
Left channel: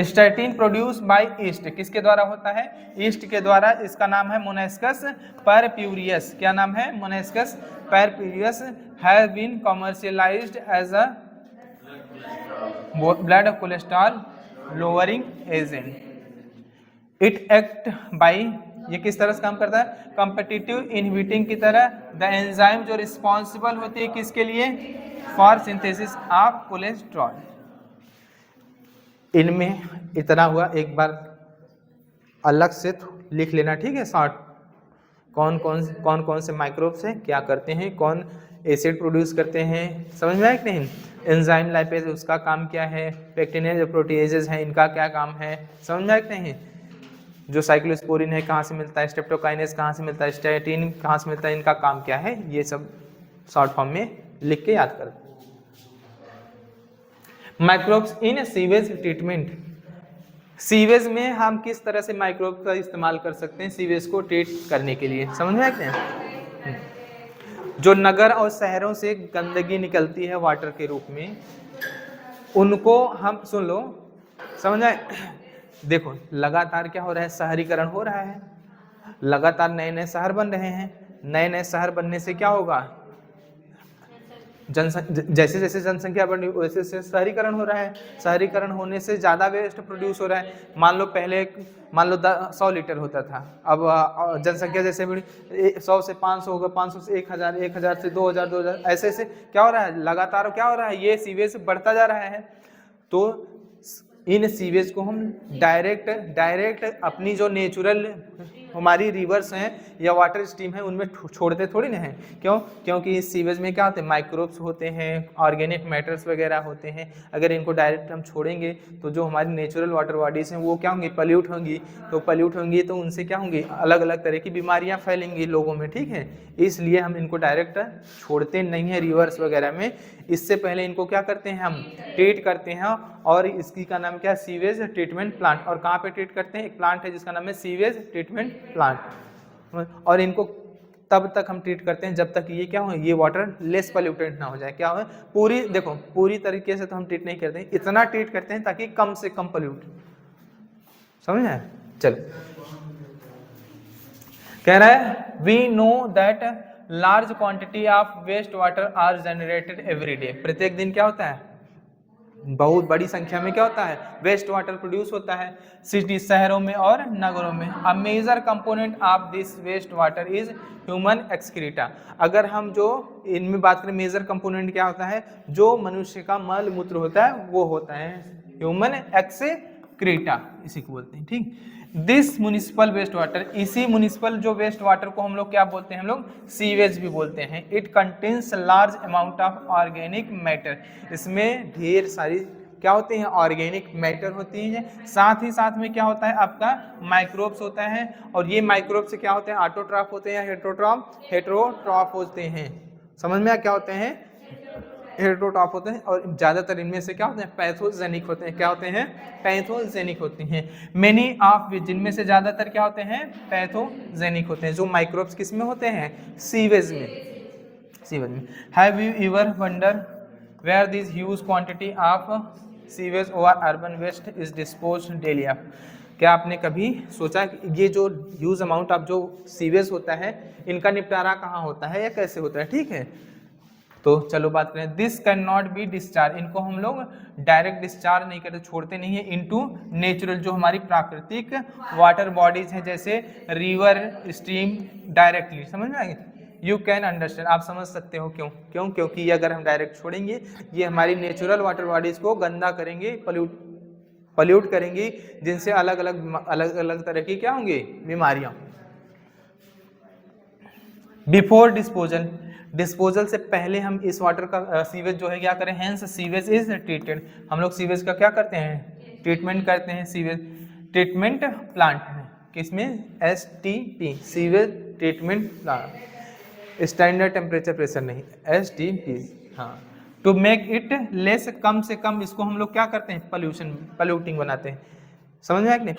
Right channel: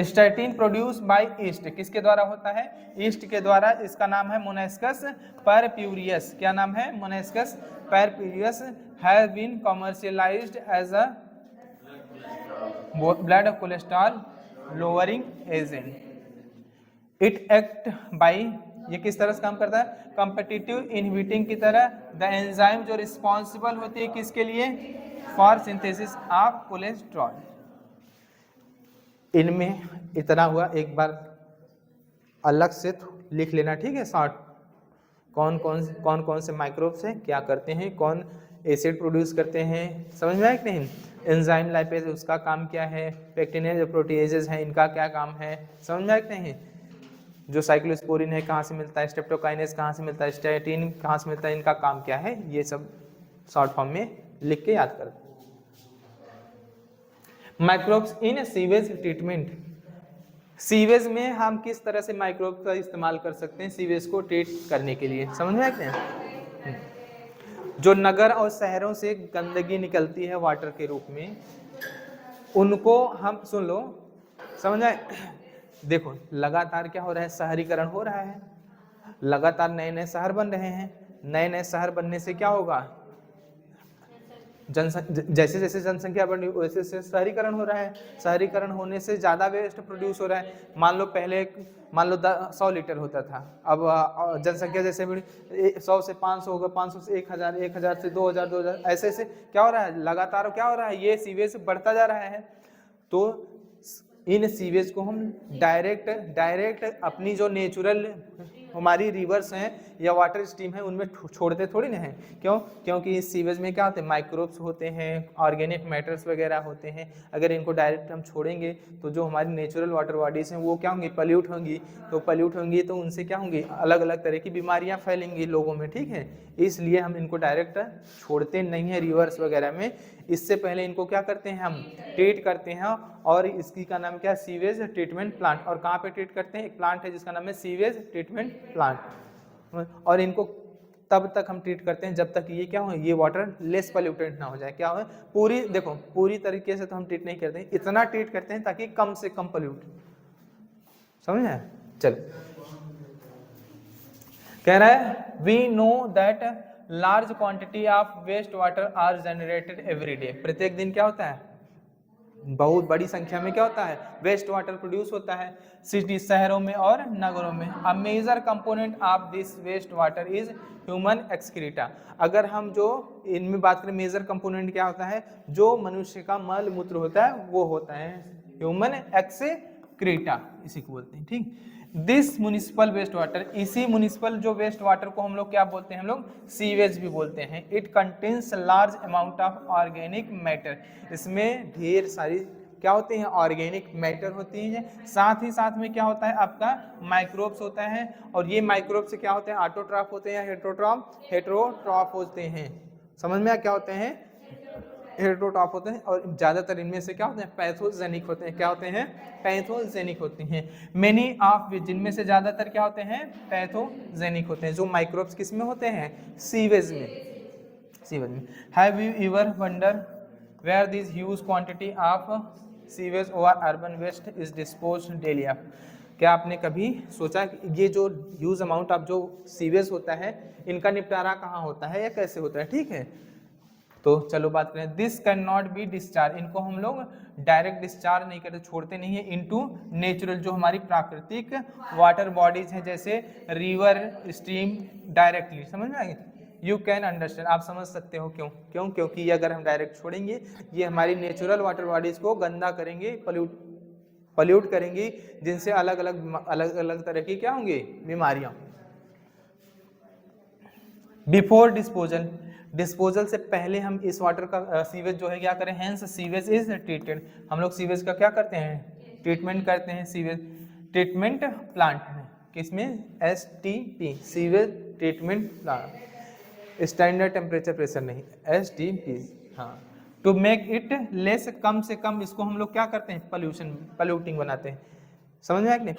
Statin produce by east, किसके द्वारा होता है, ईस्ट के द्वारा। इसका नाम है मोनास्कस परप्यूरियस। क्या नाम है, Monascus purpureus. Has been commercialised as a blood cholesterol lowering agent. It act by, ये किस तरह से काम करता है, कॉम्पिटिटिव इनहिबिटिंग की तरह। द एंजाइम जो रिस्पॉन्सिबल होती है किसके लिए, फॉर सिंथेसिस ऑफ कोलेस्ट्रॉल। इनमें इतना हुआ, एक बार अलग से लिख लेना, ठीक है, शॉर्ट। कौन कौन से माइक्रोब्स हैं, क्या करते हैं, कौन एसिड प्रोड्यूस करते हैं, समझ में आया कि नहीं। एंजाइम लाइपेज उसका काम क्या है, पेक्टिनेज जो प्रोटीएजेज हैं इनका क्या काम है, समझ में आया कि नहीं। जो साइक्लोस्पोरिन है कहाँ से मिलता है, स्ट्रेप्टोकाइनेस कहाँ से मिलता है, स्टैटिन कहाँ से मिलता है, इनका काम क्या है, ये सब शॉर्ट फॉर्म में लिख के याद कर। Microbes in sewage treatment. Sewage में हम किस तरह से माइक्रोब का इस्तेमाल कर सकते हैं सीवेज को ट्रीट करने के लिए, समझ में आया कि नहीं। जो नगर और शहरों से गंदगी निकलती है वाटर के रूप में, उनको हम, सुन लो, समझ आए। देखो लगातार क्या हो रहा है, शहरीकरण हो रहा है, लगातार नए नए शहर बन रहे हैं। नए नए शहर बनने से क्या होगा, जैसे जैसे जनसंख्या बढ़ रही है वैसे वैसे शहरीकरण हो रहा है। शहरीकरण होने से ज़्यादा वेस्ट प्रोड्यूस हो रहा है। मान लो पहले 100 लीटर होता था, अब जनसंख्या जैसे बढ़ी 100 से 500 हो गया, 500 से 1000, 1000 से 2000, 2000, ऐसे ऐसे क्या हो रहा है, लगातार क्या हो रहा है, ये सीवेज बढ़ता जा रहा है। तो इन सीवेज को हम डायरेक्ट अपनी जो नेचुरल हमारी रिवर्स हैं या वाटर स्ट्रीम है उनमें छोड़ते थोड़ी ना हैं। क्यों? क्योंकि इस सीवेज में क्या होते हैं, माइक्रोब्स होते हैं, ऑर्गेनिक मैटर्स वगैरह होते हैं। अगर इनको डायरेक्ट हम छोड़ेंगे तो जो हमारी नेचुरल वाटर बॉडीज हैं वो क्या होंगी, पल्यूट होंगी। तो पल्यूट होंगी तो उनसे क्या होंगी, अलग अलग तरह की बीमारियां फैलेंगी लोगों में, ठीक है। इसलिए हम इनको डायरेक्ट छोड़ते नहीं हैं रिवर्स वगैरह में। इससे पहले इनको क्या करते हैं, हम ट्रीट करते हैं। और इसकी का नाम क्या है, सीवेज ट्रीटमेंट प्लांट। और कहाँ पे ट्रीट करते हैं, एक प्लांट है जिसका नाम है सीवेज ट्रीटमेंट प्लांट। और इनको तब तक हम ट्रीट करते हैं जब तक ये क्या हो, ये वाटर लेस पॉल्यूटेड ना हो जाए। क्या हो, पूरी देखो पूरी तरीके से तो हम ट्रीट नहीं करते हैं, इतना ट्रीट करते हैं ताकि कम से कम पॉल्यूट, समझ आए। चलो कह रहा है we know that large quantity of waste water are generated every day. प्रत्येक दिन क्या होता है, बहुत बड़ी संख्या में क्या होता है, वेस्ट वाटर प्रोड्यूस होता है सिटी, शहरों में और नगरों में। A major component of this waste water is human excreta. अगर हम जो इनमें बात करें मेजर कंपोनेंट क्या होता है, जो मनुष्य का मल मूत्र होता है वो होता है ह्यूमन एक्सक्रीटा, इसी को बोलते हैं, ठीक। दिस म्युनिसिपल वेस्ट वाटर, इसी म्युनिसिपल जो वेस्ट वाटर को हम लोग क्या बोलते हैं, हम लोग सीवेज भी बोलते हैं। It contains large amount of organic matter, इसमें ढेर सारी क्या होती हैं, ऑर्गेनिक मैटर होती है। साथ ही साथ में क्या होता है, आपका माइक्रोब्स होता है। और ये माइक्रोब से क्या होते हैं, ऑटोट्रॉफ होते हैं या हेटेरोट्रॉफ होते हैं। समझ में क्या होते हैं, हेटेरोट्रॉफ होते हैं। और ज्यादातर इनमें से क्या होते हैं, पैथोजेनिक होते हैं। क्या होते हैं, पैथोजेनिक होती हैं। मेनी ऑफ विच, जिनमें से ज्यादातर क्या होते हैं, पैथोजेनिक होते हैं। जो माइक्रोब्स किस में होते हैं, सीवेज में, सीवेज में। Have you ever wonder where this huge quantity of sewage और urban waste is disposed daily of. क्या आपने कभी सोचा कि ये जो ह्यूज अमाउंट ऑफ जो सीवेज होता है इनका निपटारा कहाँ होता है या कैसे होता है, ठीक है। तो चलो बात करें, this can not be discharge, इनको हम लोग डायरेक्ट डिस्चार्ज नहीं करते, छोड़ते नहीं है इनटू नेचुरल, जो हमारी प्राकृतिक वाटर बॉडीज हैं जैसे रिवर स्ट्रीम डायरेक्टली। समझ में आएगी, यू कैन अंडरस्टैंड, आप समझ सकते हो क्यों, क्योंकि ये अगर हम डायरेक्ट छोड़ेंगे ये हमारी नेचुरल वाटर बॉडीज को गंदा करेंगे, पल्यूट करेंगी, जिनसे अलग अलग तरह की क्या होंगी, बीमारियां। बिफोर डिस्पोजल, डिस्पोजल से पहले हम इस वाटर का सीवेज जो है क्या करें, हेंस सीवेज इज ट्रीटेड, हम लोग सीवेज का क्या करते हैं, ट्रीटमेंट करते हैं। सीवेज ट्रीटमेंट प्लांट में, किसमें, STP, sewage treatment plant, standard temperature pressure नहीं, STP, हाँ। टू मेक इट लेस, कम से कम इसको हम लोग क्या करते हैं, पल्यूटिंग बनाते हैं। समझ में आया कि नहीं,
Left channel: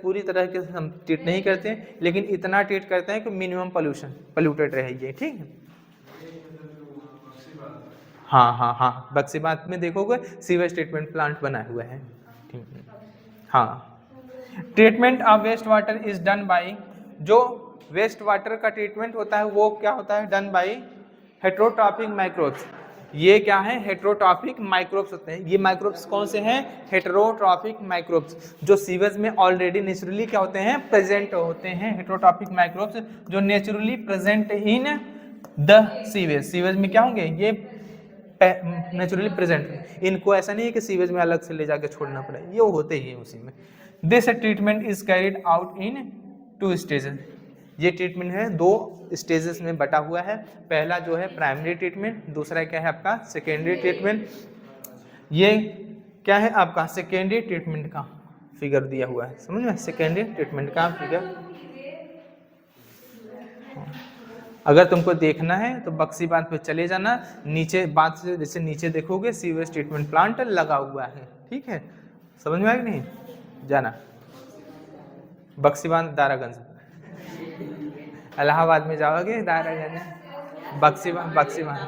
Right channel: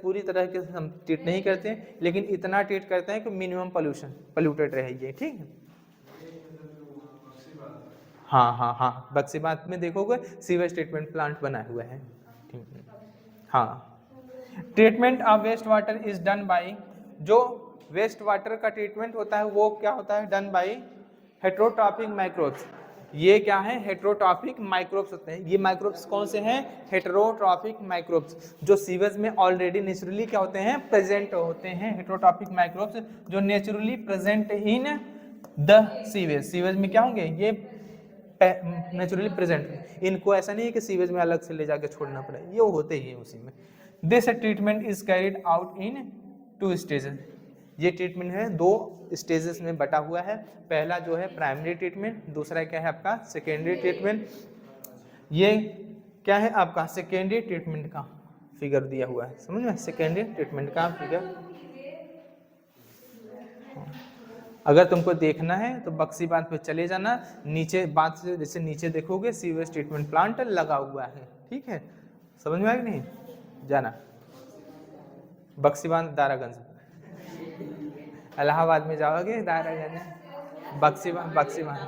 पूरी तरह के हम ट्रीट नहीं करते, लेकिन इतना ट्रीट करते हैं कि मिनिमम पल्यूटेड रहे ये, ठीक है। हाँ, बक्सीबात में देखोगे सीवेज ट्रीटमेंट प्लांट बना हुआ है, ठीक है। हाँ, treatment of waste water is done by, जो वेस्ट वाटर का ट्रीटमेंट होता है वो क्या होता है, डन बाय हेटेरोट्रॉपिक माइक्रोब्स। ये क्या है, हेटेरोट्रॉपिक माइक्रोब्स होते हैं। ये माइक्रोब्स कौन से हैं, हेटेरोट्रॉपिक माइक्रोब्स, जो सीवेज में ऑलरेडी नेचुरली क्या होते हैं, प्रेजेंट होते हैं। हेटेरोट्रॉपिक माइक्रोब्स जो naturally present in the sewage, sewage में क्या होंगे, ये नेचुरली प्रेजेंट। इनको ऐसा नहीं है कि सीवेज में अलग से ले जाके छोड़ना पड़े, ये होते ही है उसी में। This treatment is carried out in 2 stages, ये ट्रीटमेंट है 2 स्टेजेस में बटा हुआ है। पहला जो है प्राइमरी ट्रीटमेंट, दूसरा क्या है आपका सेकेंडरी ट्रीटमेंट। ये क्या है आपका सेकेंडरी ट्रीटमेंट का फिगर दिया हुआ है, समझ में, सेकेंडरी ट्रीटमेंट का फिगर। अगर तुमको देखना है तो बक्सी बांध पे चले जाना, नीचे बांध से जैसे नीचे देखोगे सीवेज ट्रीटमेंट प्लांट लगा हुआ है, ठीक है। समझ में आया कि नहीं, जाना बक्सी बांध दारागंज, इलाहाबाद में जाओगे दारागंज, बक्सी बांध,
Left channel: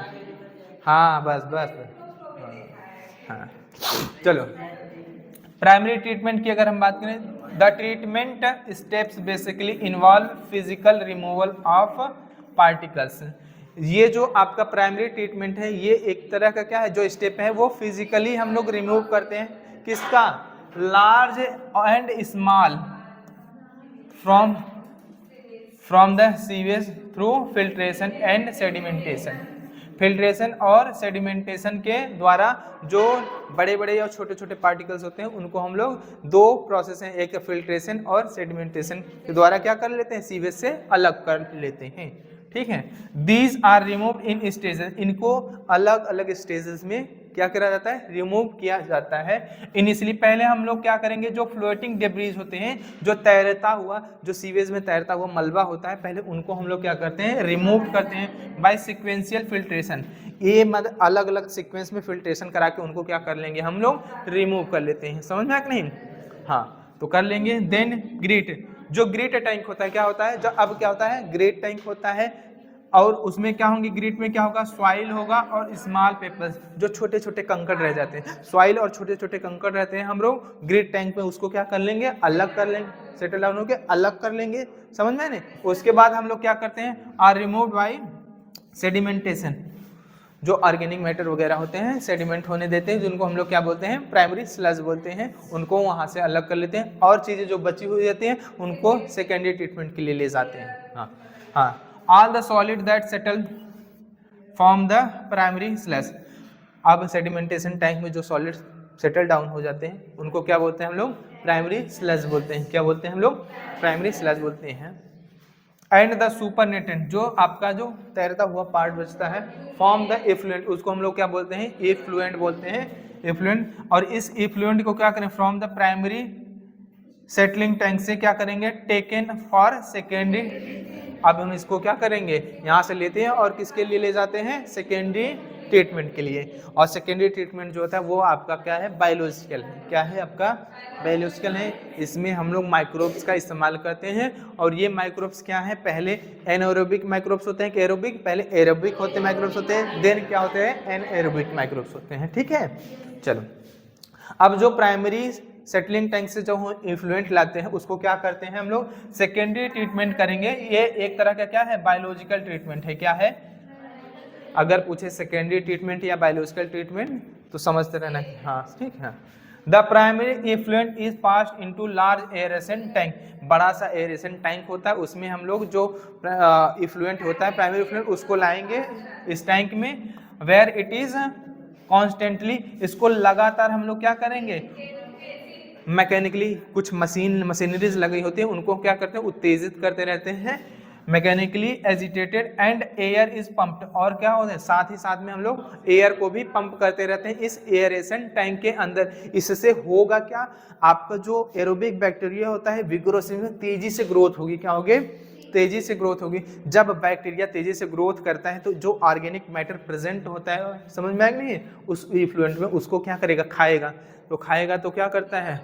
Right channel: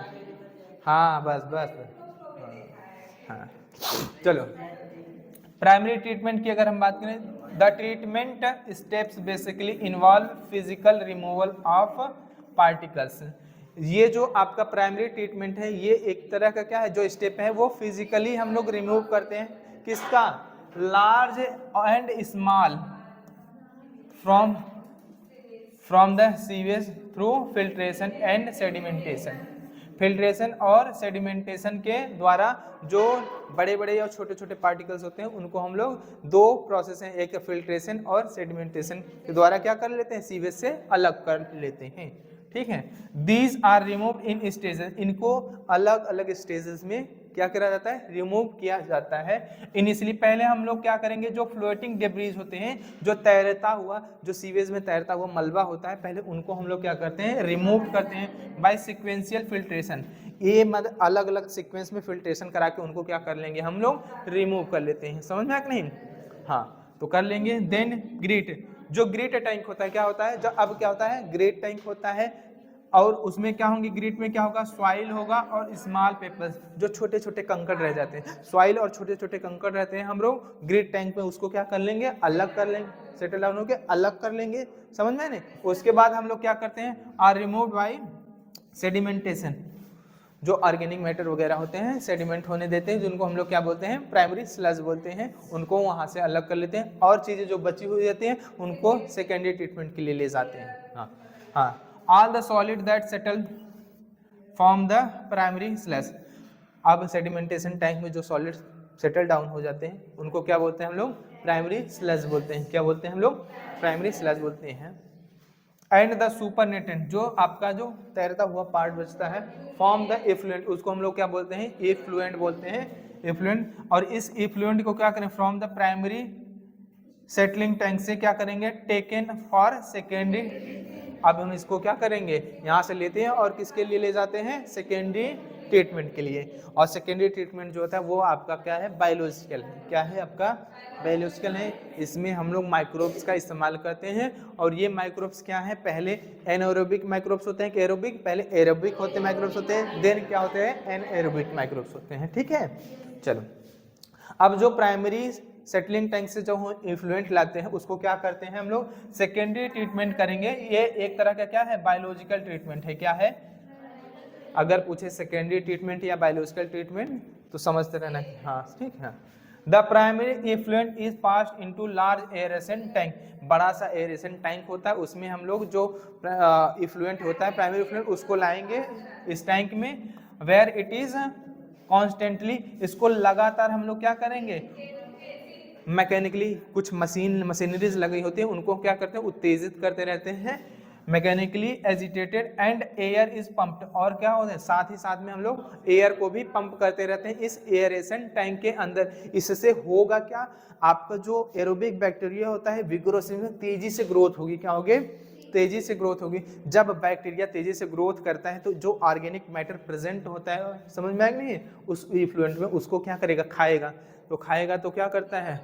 हाँ बस हाँ। चलो प्राइमरी ट्रीटमेंट की अगर हम बात करें, the treatment steps basically involve physical removal of particles. ये जो आपका प्राइमरी ट्रीटमेंट है ये एक तरह का क्या है, जो स्टेप है वो फिजिकली हम लोग रिमूव करते हैं, किसका, large and small from the sewage through filtration and sedimentation. Filtration और सेडिमेंटेशन के द्वारा जो बड़े बड़े और छोटे छोटे पार्टिकल्स होते हैं उनको हम लोग दो प्रोसेस हैं, एक फिल्ट्रेशन और सेडिमेंटेशन के द्वारा क्या कर लेते हैं, सीवेज से अलग कर लेते हैं। ठीक है, these are removed in stages, इनको अलग अलग स्टेजेस में क्या करा जाता है, रिमूव किया जाता है। इनिशियली पहले हम लोग क्या करेंगे, जो फ्लोटिंग डेब्रीज होते हैं, जो तैरता हुआ, जो सीवेज में तैरता हुआ मलबा होता है, पहले उनको हम लोग क्या करते हैं, रिमूव करते हैं बाय सिक्वेंशियल फिल्ट्रेशन। ये मतलब अलग अलग सीक्वेंस में फिल्ट्रेशन करा के उनको क्या कर लेंगे, हम लोग रिमूव कर लेते हैं। समझ में आ कि नहीं? हाँ, तो कर लेंगे। देन ग्रिट, जो ग्रिट टैंक होता है, क्या होता है, जो अब क्या होता है, ग्रिट टैंक होता है, और उसमें क्या होंगे, ग्रिट में क्या होगा, सॉइल होगा और स्मॉल पेपर्स, जो छोटे छोटे कंकड़ रह जाते हैं, सॉइल और छोटे छोटे कंकड़ रहते हैं, हम लोग ग्रिट टैंक में उसको क्या कर लेंगे, अलग कर लेंगे, सेटल डाउन होके अलग कर लेंगे। समझ में नहीं? उसके बाद हम लोग क्या करते हैं, आर रिमूव्ड बाय सेडिमेंटेशन, जो ऑर्गेनिक मैटर वगैरह होते हैं सेडिमेंट होने देते हैं, जिनको हम लोग क्या बोलते हैं, प्राइमरी स्लज बोलते हैं, उनको वहाँ से अलग कर लेते हैं, और चीज़ें जो बची हुई रहती हैं उनको सेकेंडरी ट्रीटमेंट के लिए ले जाते हैं। हाँ हाँ, all the solid that settle form the primary sludge. अब सेडिमेंटेशन टैंक में जो सॉलिड सेटल डाउन हो जाते हैं उनको क्या बोलते हैं हम लोग, प्राइमरी स्लज बोलते हैं। क्या बोलते हैं हम लोग, प्राइमरी स्लज बोलते हैं। एंड द सुपरनेटेंट, जो आपका जो तैरता हुआ पार्ट बचता है, फॉर्म द इफ्लुएंट, उसको हम लोग क्या बोलते हैं, इफ्लुएंट बोलते हैं, इफ्लुएंट। और इस इफ्लुएंट को क्या करें, from the primary settling tank से क्या करेंगे, टेकन फॉर सेकेंडरी। अब हम इसको क्या करेंगे, यहाँ से लेते हैं और किसके लिए ले जाते हैं, सेकेंडरी ट्रीटमेंट के लिए। और सेकेंडरी ट्रीटमेंट जो होता है वो आपका क्या है, बायोलॉजिकल है। क्या है आपका, बायोलॉजिकल है। इसमें हम लोग माइक्रोब्स का इस्तेमाल करते हैं, और ये माइक्रोब्स क्या है, पहले एनाएरोबिक माइक्रोब्स होते हैं कि एरोबिक, पहले एरोबिक होते माइक्रोब्स होते हैं, देन क्या होते हैं, एनाएरोबिक माइक्रोब्स होते हैं। ठीक है, चलो अब जो प्राइमरी सेटलिंग टैंक से जो इफ्लुएंट लाते हैं उसको क्या करते हैं हम लोग, सेकेंडरी ट्रीटमेंट करेंगे। ये एक तरह का क्या है, बायोलॉजिकल ट्रीटमेंट है। क्या है, अगर पूछे सेकेंडरी ट्रीटमेंट या बायोलॉजिकल ट्रीटमेंट तो समझते रहना कि हाँ, ठीक है। The primary effluent is passed into large aeration tank, बड़ा सा एरेशन टैंक होता है, उसमें हम लोग जो इफ्लुएंट होता है, प्राइमरी इफ्लुएंट, उसको लाएंगे इस टैंक में, वेयर इट इज कॉन्स्टेंटली, इसको लगातार हम लोग क्या करेंगे, मैकेनिकली कुछ मशीनरीज लगी होती हैं, उनको क्या करते हैं, उत्तेजित करते रहते हैं, mechanically agitated and air is pumped, और क्या होता है, साथ ही साथ में हम लोग एयर को भी पंप करते रहते हैं इस एयरेशन टैंक के अंदर। इससे होगा क्या, आपका जो एरोबिक बैक्टीरिया होता है विग्रोसिस में तेजी से ग्रोथ होगी। क्या होगी, तेजी से ग्रोथ होगी। जब बैक्टीरिया तेजी से ग्रोथ करता है तो जो ऑर्गेनिक मैटर प्रेजेंट होता है, समझ में आ नहीं है, उस इफ्लुएंट में, उसको क्या करेगा, खाएगा। तो खाएगा तो क्या करता है,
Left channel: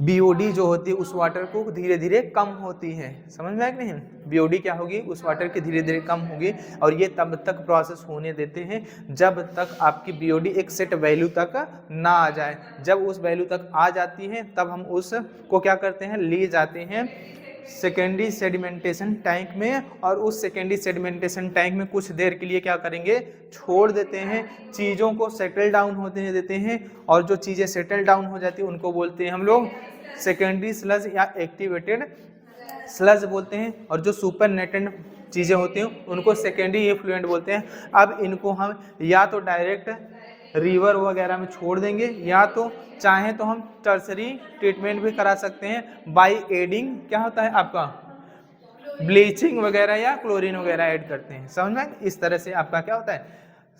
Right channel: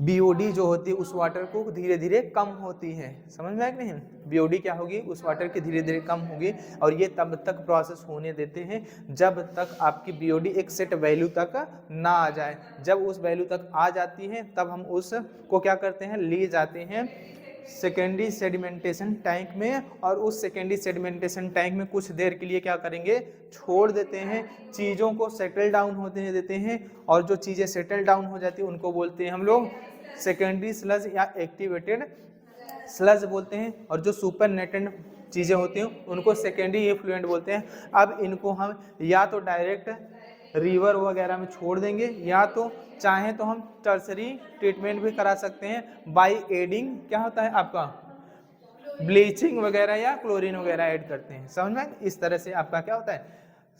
बीओडी जो होती है उस वाटर को धीरे धीरे कम होती है। समझ में आ नहीं, बीओडी क्या होगी, उस वाटर की धीरे धीरे कम होगी। और ये तब तक प्रोसेस होने देते हैं जब तक आपकी बीओडी एक सेट वैल्यू तक ना आ जाए। जब उस वैल्यू तक आ जाती है तब हम उसको क्या करते हैं, ले जाते हैं सेकेंडरी सेडिमेंटेशन टैंक में, और उस सेकेंडरी सेडिमेंटेशन टैंक में कुछ देर के लिए क्या करेंगे, छोड़ देते हैं, चीज़ों को सेटल डाउन होते देते हैं। और जो चीज़ें सेटल डाउन हो जाती है उनको बोलते हैं हम लोग सेकेंडरी स्लज या एक्टिवेटेड स्लज बोलते हैं। और जो सुपरनेटेंट चीज़ें होती हैं उनको सेकेंडरी इफ्लुएंट बोलते हैं। अब इनको हम या तो डायरेक्ट रिवर वगैरह में छोड़ देंगे, या तो चाहें तो हम टर्सरी ट्रीटमेंट भी करा सकते हैं बाय एडिंग, क्या होता है आपका, ब्लीचिंग वगैरह या क्लोरीन वगैरह ऐड करते हैं। समझ में, इस तरह से आपका क्या होता है,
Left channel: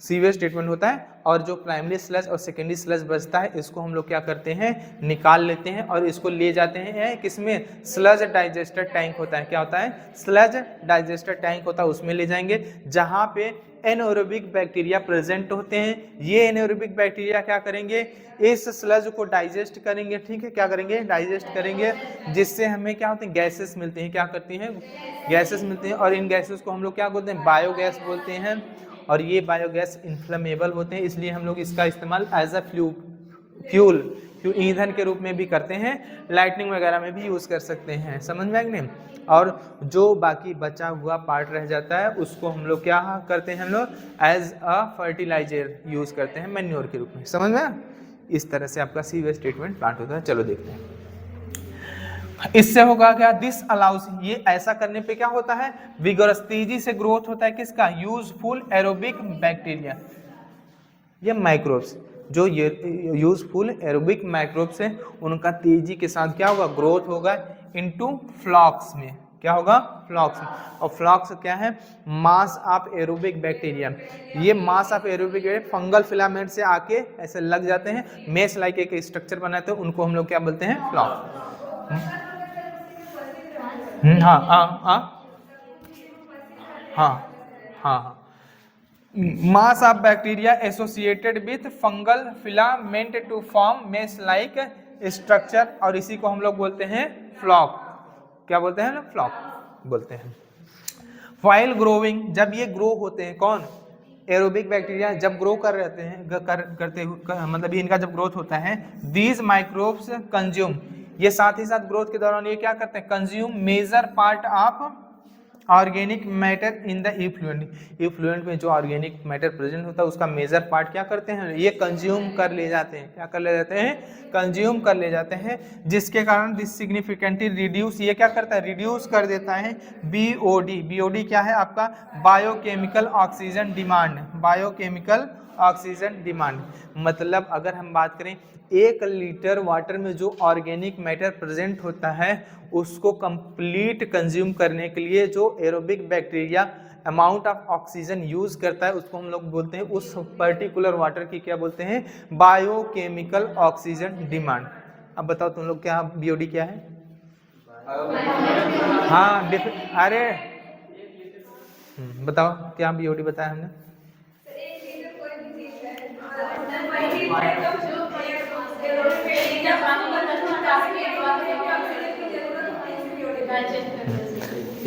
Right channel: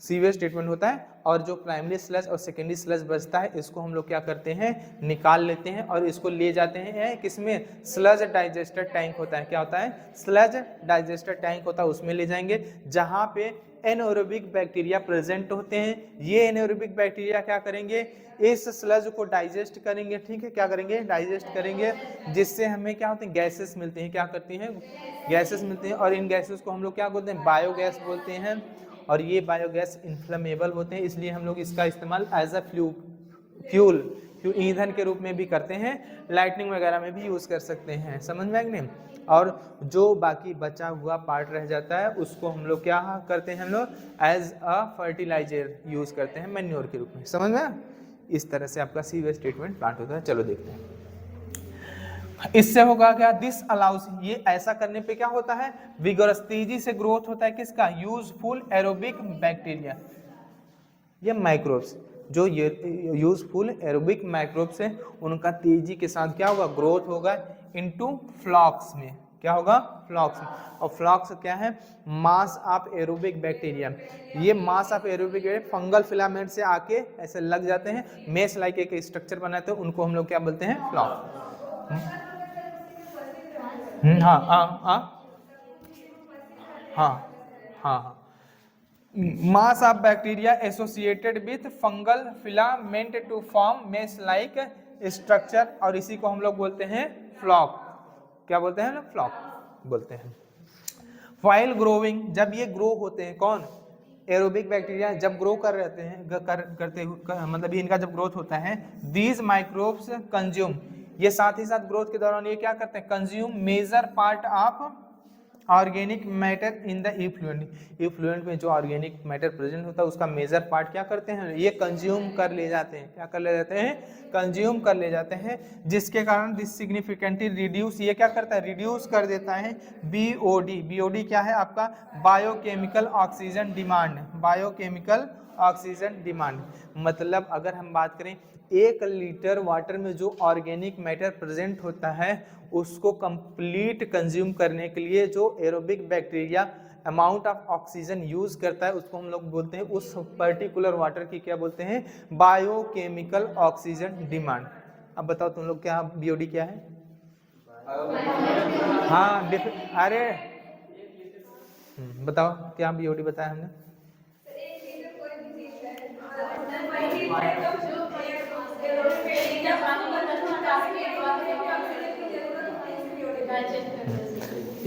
सीवेज ट्रीटमेंट होता है। और जो प्राइमरी स्लज और सेकेंडरी स्लज बचता है इसको हम लोग क्या करते हैं, निकाल लेते हैं और इसको ले जाते हैं किसमें, स्लज डाइजेस्टर टैंक होता है। क्या होता है, स्लज डाइजेस्टर टैंक होता है, उसमें ले जाएंगे जहाँ पे एनाएरोबिक बैक्टीरिया प्रेजेंट होते हैं। ये एनाएरोबिक बैक्टीरिया क्या करेंगे, इस स्लज को डाइजेस्ट करेंगे। ठीक है, क्या करेंगे, डाइजेस्ट करेंगे, जिससे हमें क्या होते हैं, गैसेस मिलते हैं। क्या करती हैं, गैसेस मिलते हैं। और इन गैसेस को हम लोग क्या बोलते हैं, बायोगैस बोलते हैं। और ये बायोगैस इन्फ्लेमेबल होते हैं, इसलिए हम लोग इसका इस्तेमाल एज अ फ्यूल ईंधन के रूप में भी करते हैं, लाइटनिंग वगैरह में भी यूज़ कर सकते हैं। समझ में आ गया। और जो बाकी बचा हुआ पार्ट रह जाता है उसको हम लोग क्या करते हैं, हम लोग एज अ फर्टिलाइजर यूज़ करते हैं, मैन्योर के रूप में। समझ में, इस तरह से आपका सीवेज ट्रीटमेंट प्लांट होता है। चलो देखते हैं। इससे होगा क्या, दिस अलाउस, ये ऐसा करने पे क्या होता है, विगोरस, तेजी से ग्रोथ होता है किसका, यूजफुल एरोबिक बैक्टीरिया, ये माइक्रोब्स, जो ये यूजफुल एरोबिक माइक्रोब्स हैं उनका तेजी के साथ क्या होगा, ग्रोथ होगा इनटू फ्लॉक्स में, क्या होगा, फ्लॉक्स में। और फ्लॉक्स क्या है, मास ऑफ एरोबिक बैक्टीरिया, ये mass of aerobic fungal filament से आके ऐसे लग जाते हैं, मेश लाइक एक स्ट्रक्चर बनाते हैं, उनको हम लोग क्या बोलते हैं, फ्लॉक्स। हाँ हाँ हाँ हाँ हाँ हाँ, mass of bacteria associated with fungal filament to form mesh like structure, और इसी को हम लोग बोलते हैं फ्लॉक, क्या बोलते हैं ना, फ्लॉक बोलते हैं। व्हाइल ग्रोइंग, जब ये ग्रो होते हैं, कौन, एरोबिक बैक्टीरिया जब ग्रो कर रहते हैं मतलब इनका जब ग्रोथ होता है, दीज माइक्रोब्स कंज्यूम, ये साथ ही साथ ग्रोथ के दौरान ये क्या करते हैं, consume major part of organic matter in the effluent, effluent में जो ऑर्गेनिक मैटर प्रेजेंट होता है उसका मेजर पार्ट क्या करते हैं, ये कंज्यूम कर ले जाते हैं, क्या कर ले जाते हैं, कंज्यूम कर ले जाते हैं, जिसके कारण दिस सिग्निफिकेंटली रिड्यूस, ये क्या करता है, रिड्यूस कर देता है बीओडी, बीओडी क्या है आपका, biochemical oxygen demand, biochemical oxygen demand, मतलब अगर हम बात करें 1 लीटर वाटर में जो ऑर्गेनिक मैटर प्रेजेंट होता है उसको कंप्लीट कंज्यूम करने के लिए जो aerobic bacteria amount of oxygen use करता है उसको हम लोग बोलते हैं, उस पर्टिकुलर वाटर की क्या बोलते हैं, बायोकेमिकल ऑक्सीजन डिमांड। अब बताओ तुम लोग क्या बीओडी क्या है, हाँ अरे बताओ क्या बीओडी बताया हमने,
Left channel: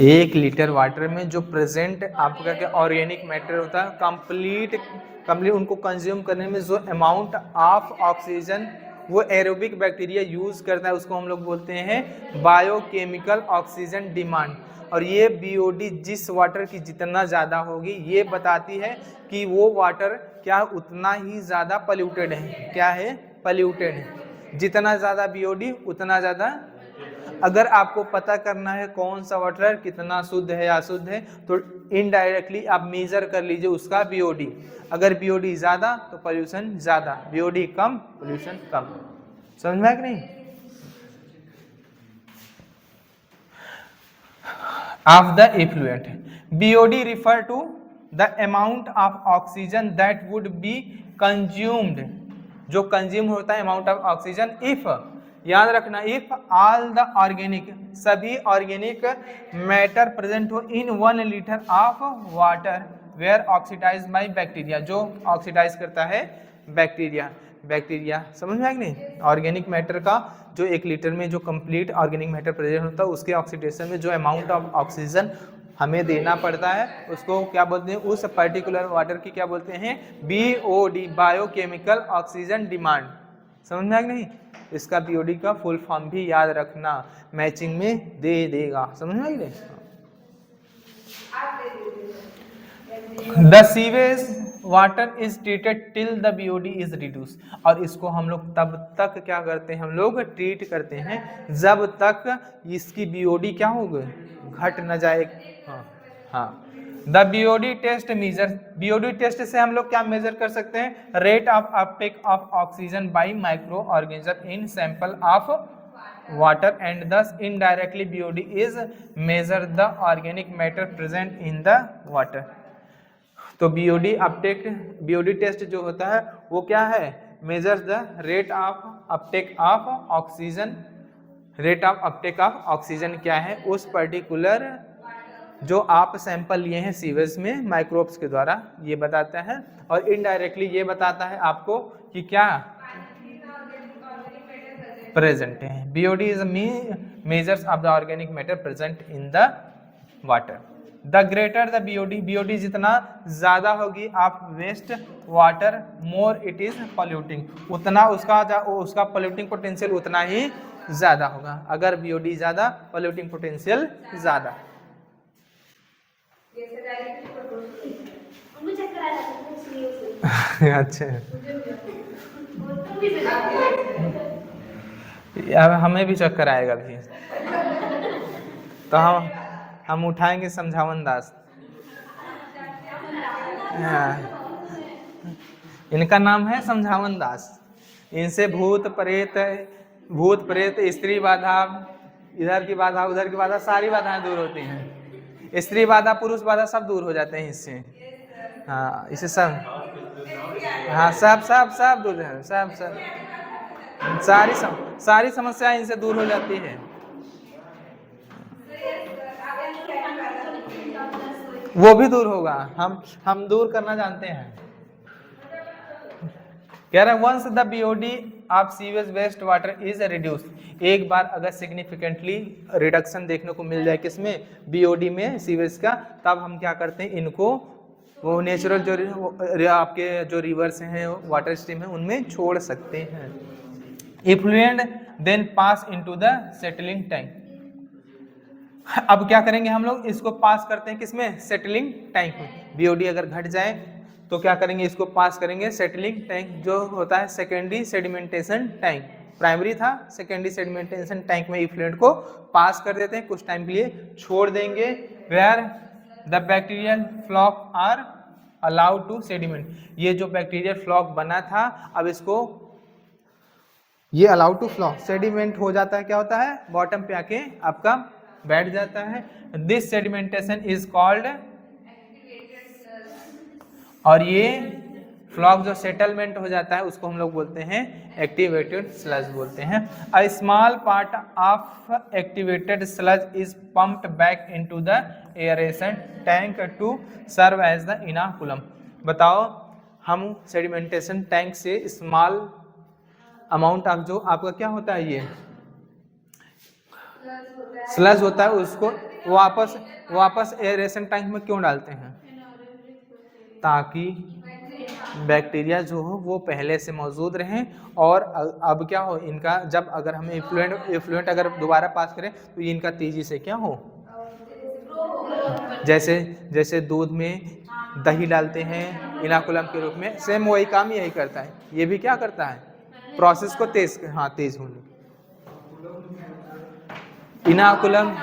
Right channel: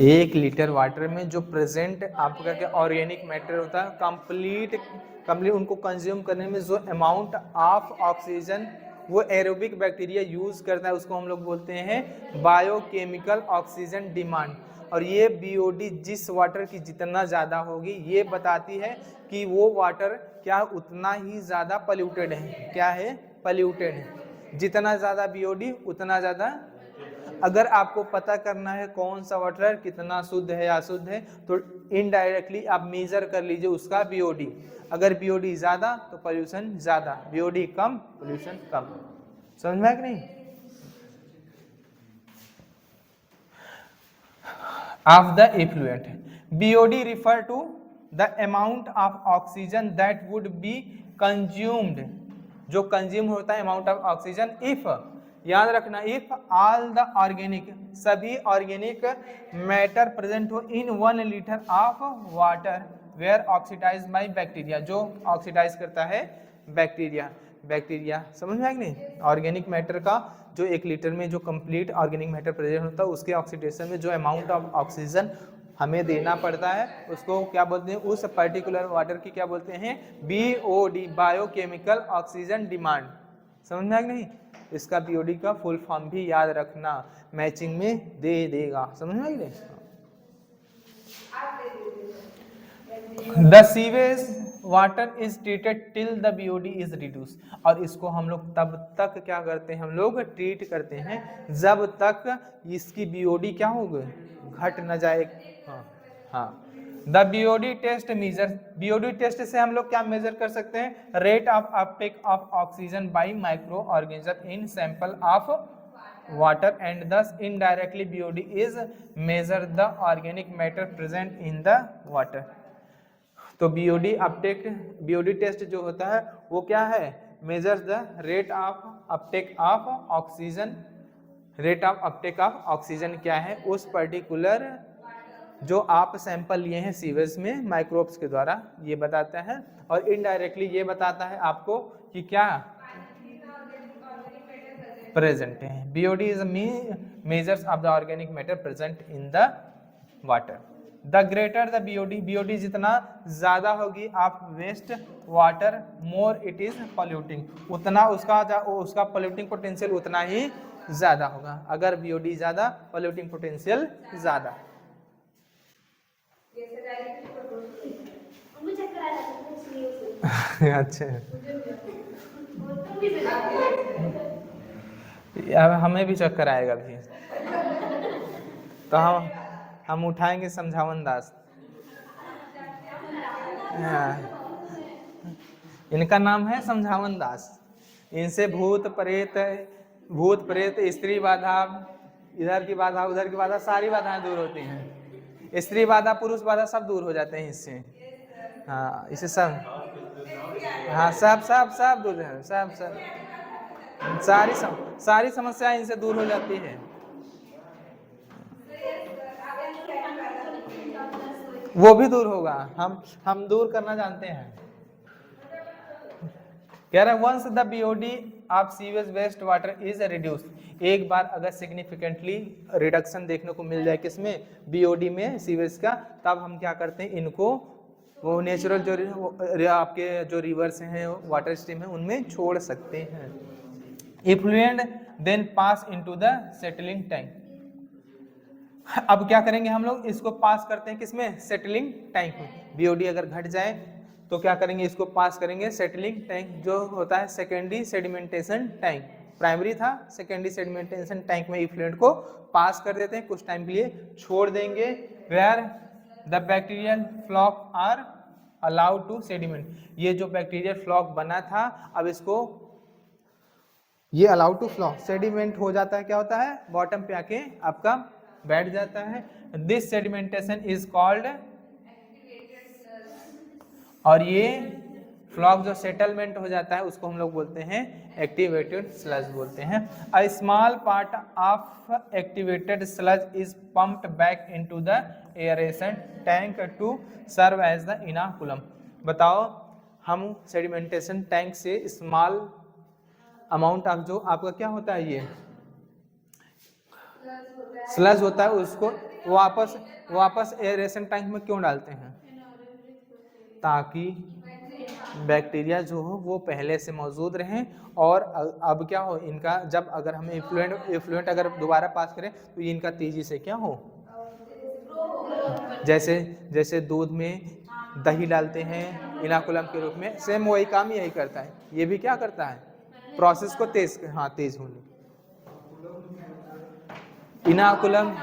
एक लीटर वाटर में जो प्रेजेंट आपका क्या ऑर्गेनिक मैटर होता है कंप्लीट उनको कंज्यूम करने में जो अमाउंट ऑफ ऑक्सीजन वो एरोबिक बैक्टीरिया यूज करता है उसको हम लोग बोलते हैं बायोकेमिकल ऑक्सीजन डिमांड। और ये बीओडी जिस वाटर की जितना ज़्यादा होगी ये बताती है कि वो वाटर क्या उतना ही ज़्यादा पॉल्यूटेड है, क्या है, पॉल्यूटेड है, जितना ज़्यादा बीओडी उतना ज़्यादा। अगर आपको पता करना है कौन सा वाटर कितना शुद्ध है या अशुद्ध है तो इनडायरेक्टली आप मेजर कर लीजिए उसका बीओडी, अगर बीओडी ज्यादा तो पोल्यूशन ज्यादा, बीओडी कम पोल्यूशन कम, समझ में है कि नहीं। Of the effluent, BOD refer to the amount of oxygen that would be consumed, जो कंज्यूम होता है अमाउंट ऑफ ऑक्सीजन, इफ, याद रखना, इफ ऑल द ऑर्गेनिक, सभी ऑर्गेनिक मैटर प्रेजेंट हो in 1 litre of water were oxidise by bacteria, जो oxidise करता है बैक्टीरिया, बैक्टीरिया समझ में आएगा नहीं। ऑर्गेनिक मैटर का जो 1 लीटर में जो कंप्लीट ऑर्गेनिक मैटर प्रेजेंट होता है उसके ऑक्सीडेशन में जो अमाउंट ऑफ ऑक्सीजन हमें देना पड़ता है उसको क्या बोलते हैं, उस पर्टिकुलर वाटर की क्या बोलते हैं, बीओडी, बायोकेमिकल ऑक्सीजन डिमांड, समझ में आएगा नहीं। इसका बीओडी का फुल फॉर्म भी याद रखना, मैचिंग में दे देगा, समझ में आई। The sewage water is treated till the BOD is reduce, और इसको हम लोग तब तक क्या करते हैं, हम लोग ट्रीट करते हैं जब तक इसकी बीओडी क्या होगी, घट न जाए। हाँ the BOD test measure, BOD test से हम लोग क्या मेजर कर सकते हैं, rate of uptake of oxygen by micro organism in sample of water and thus indirectly BOD is measure the organic matter present in the water. तो BOD uptake, BOD test जो होता है वो क्या है, measures the rate of uptake of oxygen, rate of uptake of oxygen क्या है उस पर्टिकुलर जो आप सैंपल लिए हैं सीवेज में माइक्रोब्स के द्वारा, ये बताता है। और इनडायरेक्टली ये बताता है आपको कि क्या प्रेजेंट है, BOD is measures of the organic matter present in the water. The greater the BOD, BOD जितना ज्यादा होगी of waste water more it is polluting, उतना उसका पॉल्यूटिंग पोटेंशियल उतना ही ज्यादा होगा, अगर बीओडी ज्यादा पॉल्यूटिंग पोटेंशियल ज्यादा। अच्छा अब हमें भी चक्कर आएगा भी। तो हम उठाएंगे समझावन दास। हाँ, इनका नाम है समझावन दास। इनसे भूत प्रेत स्त्री बाधा, इधर की बाधा उधर की बाधा, सारी बाधाएं दूर होती हैं। स्त्री बाधा पुरुष बाधा सब दूर हो जाते हैं इससे। हाँ, इसे सब, हाँ सब सब सब दूर है, सब सब सारी समस्याएं इनसे दूर हो जाती है। वो भी दूर होगा, हम दूर करना जानते हैं। कह रहे हैं once the BOD of sewage waste water is reduce, एक बार अगर सिग्निफिकेंटली रिडक्शन देखने को मिल जाए किसमें, बीओडी में, सीवेज का, तब हम क्या करते हैं, इनको वो नेचुरल जो आपके जो रिवर्स हैं, वाटर स्ट्रीम है, उनमें छोड़ सकते हैं। Effluent then pass into the settling tank. अब क्या करेंगे हम लोग, इसको पास करते हैं किसमें, सेटलिंग टैंक में। बीओडी अगर घट जाए तो क्या करेंगे, इसको पास करेंगे सेटलिंग टैंक, जो होता है सेकेंडरी सेडिमेंटेशन टैंक। प्राइमरी था, सेकेंडरी सेडिमेंटेशन टैंक में इफ्लुएंट को पास कर देते हैं, कुछ टाइम के लिए छोड़ देंगे। Where the bacterial floc are allowed to sediment, ये जो बैक्टीरियल फ्लॉक बना था, अब इसको ये अलाउड टू फ्लॉक सेडिमेंट हो जाता है, क्या होता है, बॉटम पे आके आपका बैठ जाता है। दिस सेडिमेंटेशन इज कॉल्ड, और ये फ्लॉक जो सेटलमेंट हो जाता है उसको हम लोग बोलते हैं एक्टिवेटेड स्लज बोलते हैं। A small part of activated sludge is pumped back into the aeration tank to serve as the inoculum. बताओ, हम सेडिमेंटेशन टैंक से स्मॉल अमाउंट ऑफ जो आपका क्या होता है, ये स्लज होता है, उसको वापस एयरेशन टैंक में क्यों डालते हैं, ताकि बैक्टीरिया जो हो वो पहले से मौजूद रहें, और अब क्या हो, इनका जब अगर हम इफ्लुएंट अगर दोबारा पास करें तो ये इनका तेजी से क्या हो, जैसे दूध में दही डालते हैं इनाकुलम के रूप में, सेम वही काम यही करता है। ये भी क्या करता है, प्रोसेस को तेज होने। इनाकुलम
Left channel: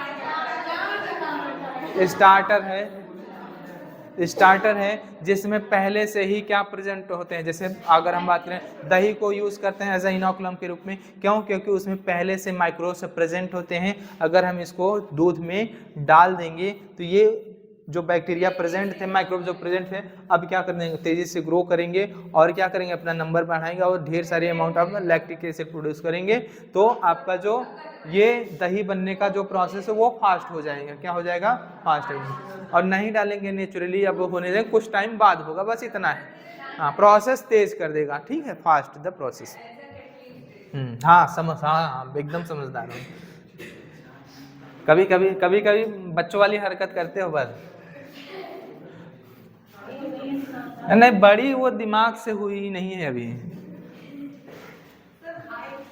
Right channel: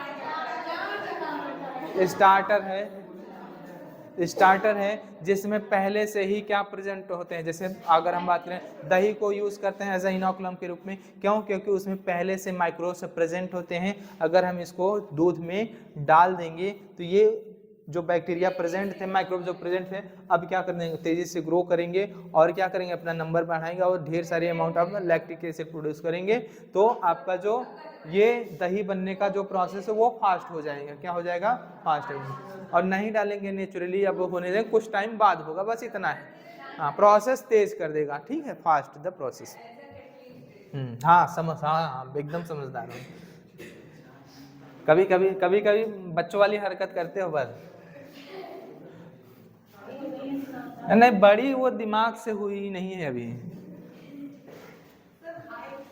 स्टार्टर है जिसमें पहले से ही क्या प्रेजेंट होते हैं। जैसे अगर हम बात करें दही को यूज करते हैं एज ए इनोकुलम के रूप में, क्यों, क्योंकि उसमें पहले से माइक्रोब्स प्रेजेंट होते हैं। अगर हम इसको दूध में डाल देंगे तो ये जो बैक्टीरिया प्रेजेंट थे, माइक्रोब जो प्रेजेंट थे, अब क्या करेंगे, तेजी से ग्रो करेंगे और क्या करेंगे, अपना नंबर बढ़ाएंगे और ढेर सारी amount of lactic acid produce करेंगे। तो आपका जो ये दही बनने का जो प्रोसेस है वो फास्ट हो जाएगा। क्या हो जाएगा, फास्ट हो। और नहीं डालेंगे नेचुरली, अब होने देंगे, कुछ टाइम बाद होगा, बस इतना है। हाँ, प्रोसेस तेज कर देगा, ठीक है, फास्ट द प्रोसेस। हाँ एकदम समझदार हूँ। कभी कभी बच्चों वाली हरकत करते हो बस। नहीं, बड़ी वो दिमाग से हुई ही नहीं है अभी,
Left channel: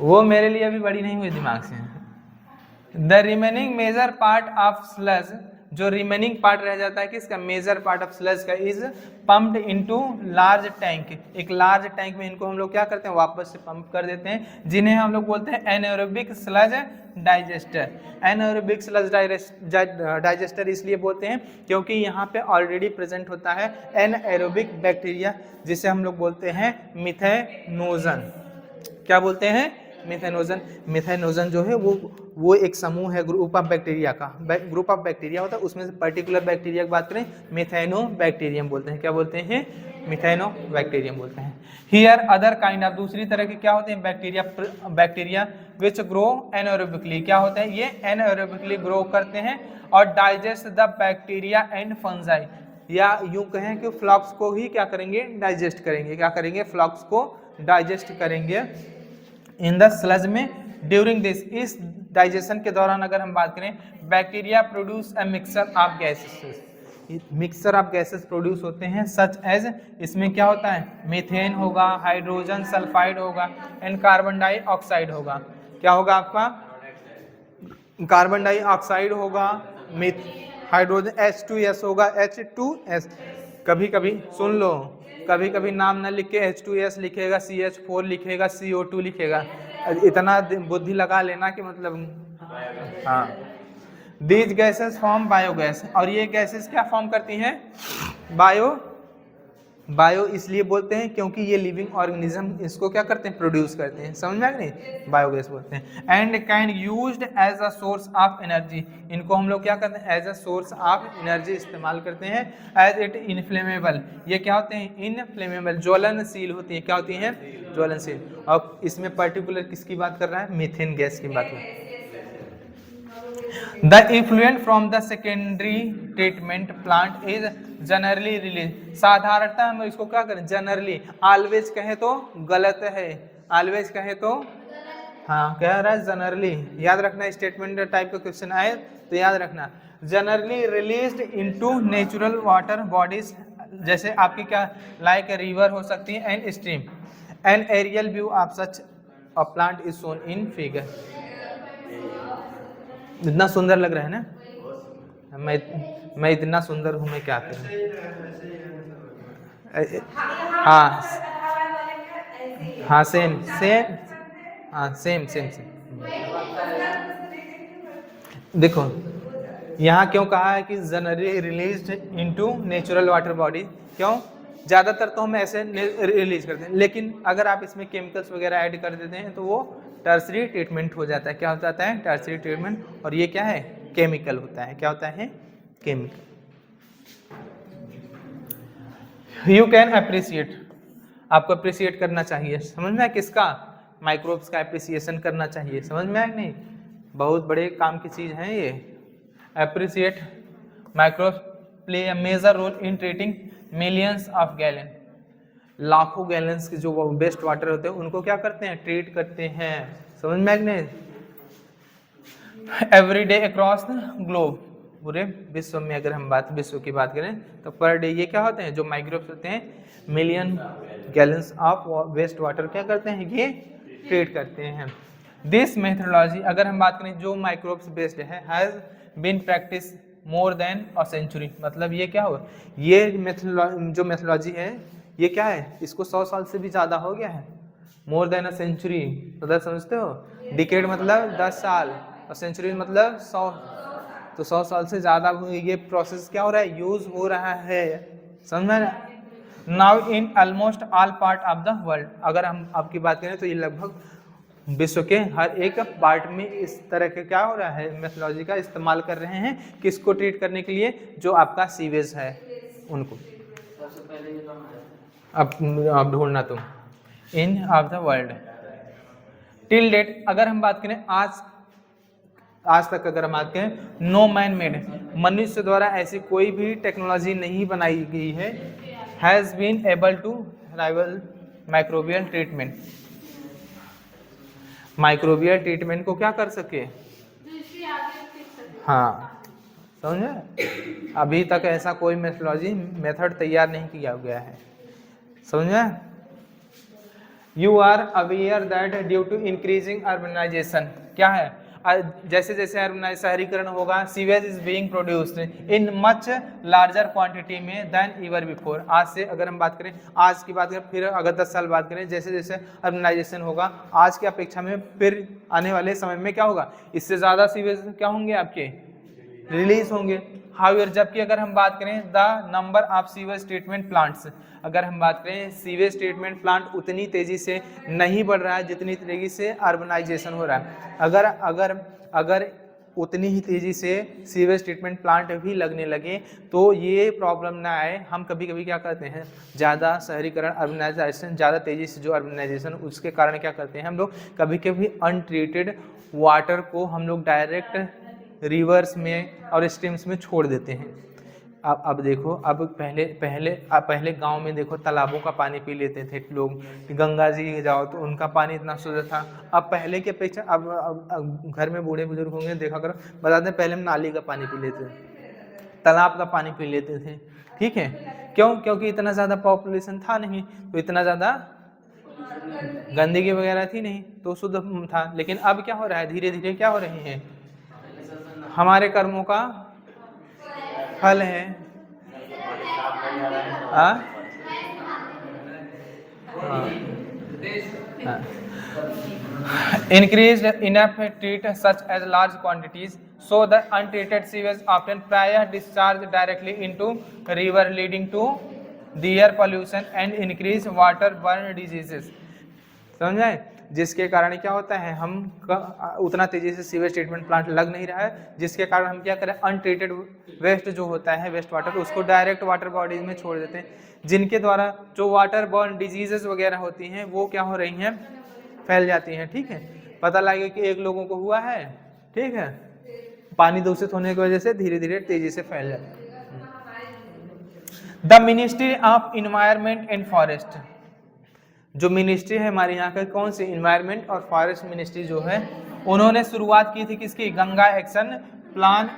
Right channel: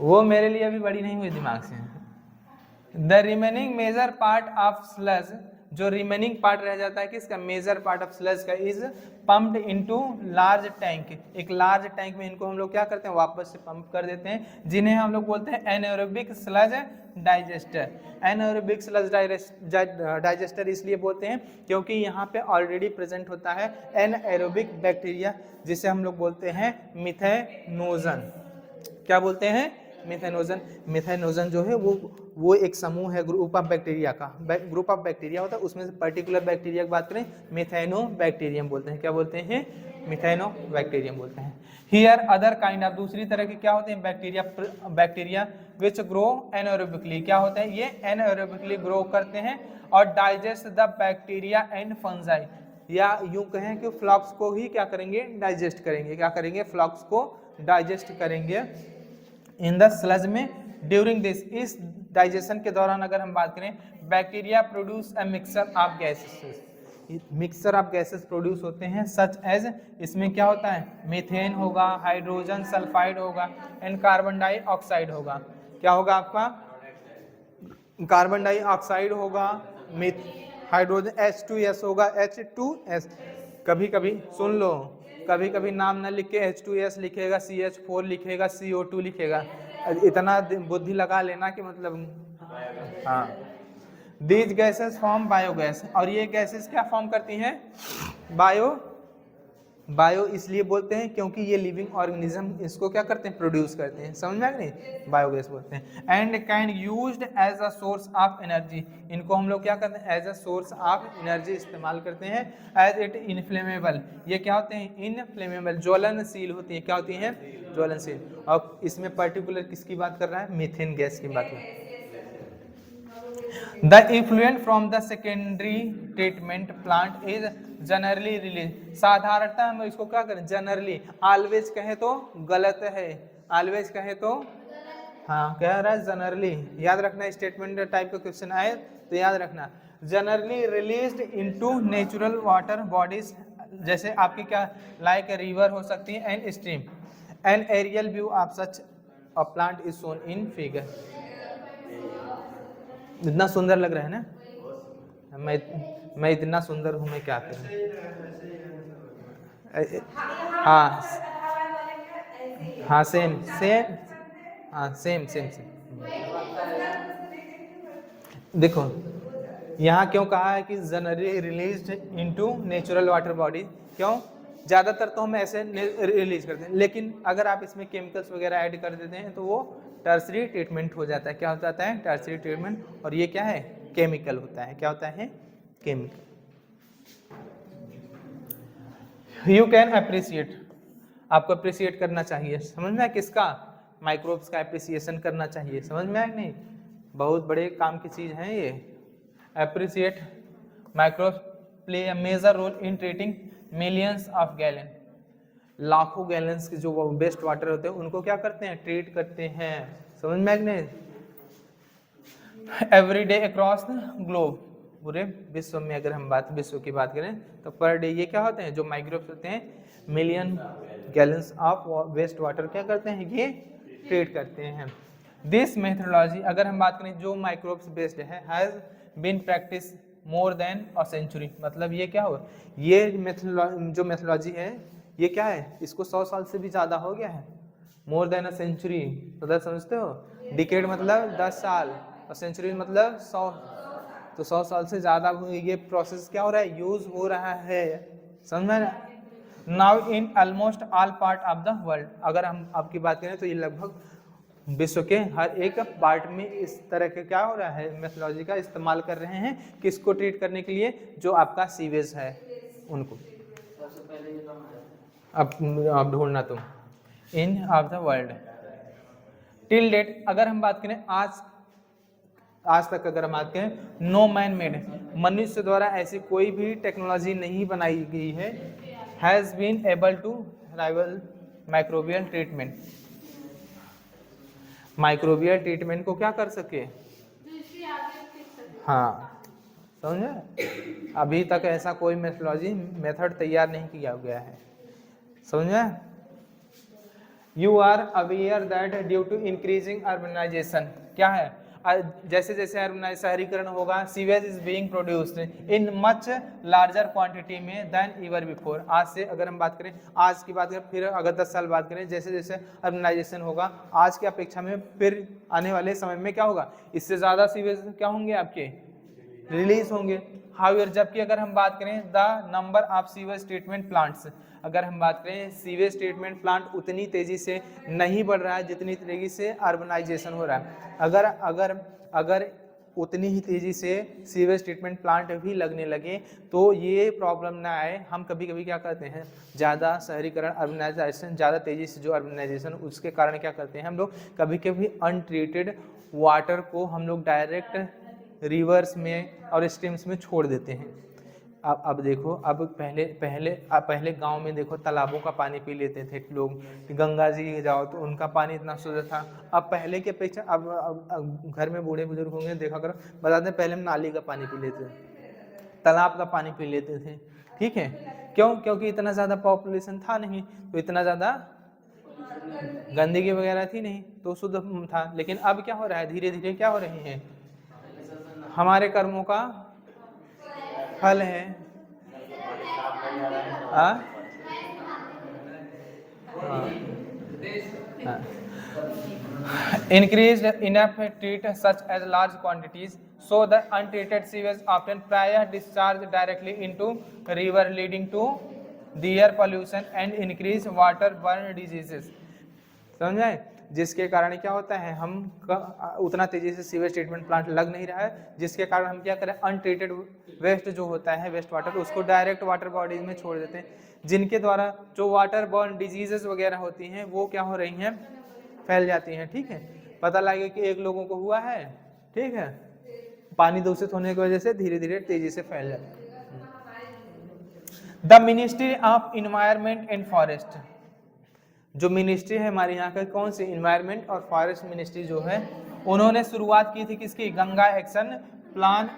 वो मेरे लिए अभी बड़ी नहीं हुई दिमाग से। The remaining major part of sludge, जो रिमेनिंग पार्ट रह जाता है किसका, मेजर पार्ट ऑफ स्लज का, is pumped into large tank. एक लार्ज टैंक में इनको हम लोग क्या करते हैं, वापस से पंप कर देते हैं, जिन्हें हम लोग बोलते हैं एनाएरोबिक स्लज डाइजेस्टर। एनाएरोबिक स्लज डाइजेस्टर इसलिए बोलते हैं क्योंकि यहाँ पे ऑलरेडी प्रेजेंट होता है एनाएरोबिक बैक्टीरिया, जिसे हम लोग बोलते हैं मिथेनोजन। क्या बोलते हैं, मिथेनोजन। मिथेनोजन जो है वो एक समूह है, ग्रुप ऑफ बैक्टीरिया का, ग्रुप ऑफ बैक्टीरिया होता है, उसमें से पर्टिकुलर बैक्टीरिया की बात करें मिथेनोबैक्टीरियम बोलते हैं। क्या बोलते हैं, मिथेनोबैक्टीरियम बोलते हैं। हियर अदर काइंड ऑफ, दूसरी तरह के क्या होते हैं, बैक्टीरिया विच ग्रो एनाएरोबिकली। क्या होते हैं, ये एनाएरोबिकली ग्रो करते हैं और digest the bacteria and fungi, या यूं कहें कि फ्लॉक्स को ही क्या करेंगे, डाइजेस्ट करेंगे। क्या करेंगे, फ्लॉक्स को डाइजेस्ट करेंगे इन द स्लज में। ड्यूरिंग दिस, इस डाइजेशन के दौरान अगर हम बात करें, bacteria produce a mixture of gases, mixture of gases produce होते हैं, सच एज, इसमें क्या होता है, मीथेन होगा, हाइड्रोजन सल्फाइड होगा एंड कार्बन डाइऑक्साइड होगा। क्या होगा आपका, कार्बन डाइऑक्साइड होगा, हाइड्रोजन H2S होगा, H2S। कभी कभी सुन लो, कभी कभी नाम ना लिख के H2S लिखेगा, CH4 लिखेगा, CO2 लिखेगा, इतना बुद्धि लगा लेना कि मतलब, हाँ, दीज गैसेस फॉर्म बायोगैस, और ये गैसेस क्या फॉर्म करती हैं? बायो इसलिए बोलते हैं क्योंकि ये लिविंग ऑर्गेनिज्म इसको क्या करते हैं? प्रोड्यूस करते हैं। समझ में आ गई? बायोगैस बोलते हैं। And can used as a source of energy, इनको हम लोग क्या करते हैं? As a source of energy इस्तेमाल करते हैं। एज इट इनफ्लेमेबल, ये क्या होते हैं? इनफ्लेमेबल, ज्वलनशील होती है। क्या होती हैं? ज्वलनशील। और इसमें पर्टिकुलर किसकी बात कर रहा है? मीथेन गैस की बात कर रहा है। The effluent from the secondary treatment plant is generally released, साधारणतः हम इसको क्या करें? जनरली, ऑलवेज कहे तो गलत है, ऑलवेज कहे तो हाँ, कह रहा है जनरली। याद रखना, स्टेटमेंट टाइप का क्वेश्चन आए तो याद रखना, generally released into natural water bodies, जैसे आपकी क्या लाइक रिवर हो सकती है and stream. An aerial view of such a plant is shown in figure. इतना सुंदर लग रहा है ना? मैं इतना सुंदर हूँ, मैं क्या करूँ? हाँ हाँ, सेम सेम, हाँ सेम सेम सेम। देखो यहाँ क्यों कहा है कि generally release into natural water body? क्यों? ज़्यादातर तो हम ऐसे रिलीज करते हैं, लेकिन अगर आप इसमें केमिकल्स वगैरह ऐड कर देते हैं तो वो टर्सरी ट्रीटमेंट हो जाता है। क्या हो जाता है? Tertiary treatment. और ये क्या है? केमिकल होता है। क्या होता है? केमिकल। यू कैन अप्रिसिएट, आपको अप्रिसिएट करना चाहिए। समझ में है किसका? माइक्रोब्स का अप्रिसिएशन करना चाहिए। समझ में आया नहीं? बहुत बड़े काम की चीज़ है ये। Appreciate microbes play a major role in treating millions of gallon, लाखों गैलन्स के जो वेस्ट वाटर होते हैं उनको क्या करते हैं? ट्रीट करते हैं। समझ में आया नहीं? Every day across the globe, पूरे विश्व में अगर हम विश्व की बात करें तो पर डे ये क्या होते हैं? जो माइक्रोब्स होते हैं, million gallons of waste water क्या करते हैं? ये ट्रीट करते हैं। दिस मेथोडोलॉजी, अगर हम बात करें जो माइक्रोब्स बेस्ड है, has been practice more than a century, मतलब ये क्या हो? ये जो मेथोडोलॉजी है ये क्या है? इसको 100 साल से भी ज़्यादा हो गया है। मोर देन अ सेंचुरी मतलब समझते हो? डिकेड मतलब 10 साल, और सेंचुरी मतलब 100, तो 100 साल से ज़्यादा ये प्रोसेस क्या हो रहा है? यूज हो रहा है। समझ में? Now in almost all part of the world, अगर हम आपकी बात करें तो ये लगभग विश्व के हर एक पार्ट में इस तरह के क्या हो रहा है? मेथोडोलॉजी का इस्तेमाल कर रहे हैं। किसको ट्रीट करने के लिए? जो आपका सीवेज है उनको। अब ढूंढना तुम, in of the world till date, अगर हम बात करें आज तक अगर हम बात करें, नो मैन मेड, मनुष्य द्वारा ऐसी कोई भी टेक्नोलॉजी नहीं बनाई गई है, has been able to rival microbial treatment, microbial treatment को क्या कर सके? हाँ, समझे? अभी तक ऐसा कोई मेथड तैयार नहीं किया गया है। समझे? You are aware that due to increasing urbanisation, क्या है? जैसे जैसे शहरीकरण होगा, sewage is being produced in much larger quantity में देन एवर बिफोर। आज से अगर हम बात करें, आज की बात करें, फिर अगर 10 साल बात करें, जैसे जैसे अर्बनाइजेशन होगा आज की अपेक्षा में फिर आने वाले समय में क्या होगा? इससे ज़्यादा सीवेज क्या होंगे? आपके रिलीज होंगे। हाउएवर, जबकि अगर हम बात करें the number of sewage treatment plants, अगर हम बात करें सीवेज ट्रीटमेंट प्लांट उतनी तेजी से नहीं बढ़ रहा है जितनी तेजी से अर्बनाइजेशन हो रहा है। अगर अगर अगर उतनी ही तेजी से सीवेज ट्रीटमेंट प्लांट भी लगने लगे तो ये प्रॉब्लम ना आए। हम कभी कभी क्या करते हैं, ज़्यादा शहरीकरण, अर्बनाइजेशन, ज़्यादा तेज़ी से जो अर्बनाइजेशन, उसके कारण क्या करते हैं हम लोग, कभी कभी अनट्रीटेड वाटर को हम लोग डायरेक्ट रिवर्स में और स्ट्रीम्स में छोड़ देते हैं। अब देखो, अब पहले गांव में देखो तालाबों का पानी पी लेते थे लोग, गंगा जी जाओ तो उनका पानी इतना शुद्ध था। अब पहले के अपेक्षा अब घर में बूढ़े बुजुर्ग होंगे, देखा करो, बताते हैं पहले हम नाली का पानी पी लेते थे, तालाब का पानी पी लेते थे। ठीक है, क्यों? क्योंकि इतना ज़्यादा पॉपुलेशन था नहीं, तो इतना ज़्यादा गंदगी वगैरह थी नहीं, तो शुद्ध था। लेकिन अब क्या हो रहा है? धीरे धीरे क्या हो रही है? हमारे कर्मों का फल है। increased enough treat such as large quantities so the untreated sewage often prior discharge directly into river leading to the air pollution and increase waterborne diseases। समझे? जिसके कारण क्या होता है, हम उतना तेजी से सीवेज ट्रीटमेंट प्लांट लग नहीं रहा है, जिसके कारण हम क्या करें, अनट्रीटेड वेस्ट जो होता है, वेस्ट वाटर, उसको डायरेक्ट वाटर बॉडीज में छोड़ देते हैं, जिनके द्वारा जो वाटर बॉर्न डिजीजेस वगैरह होती हैं वो क्या हो रही हैं, फैल जाती हैं। ठीक है, पता लगे कि एक लोगों को हुआ है, ठीक है, पानी दूषित होने की वजह से धीरे धीरे तेजी से फैल जाता है। The ministry of environment and forest, जो मिनिस्ट्री है हमारे यहाँ का, कौन सी, इन्वायरमेंट और फॉरेस्ट मिनिस्ट्री जो है, उन्होंने शुरुआत की थी किसकी, Ganga action plan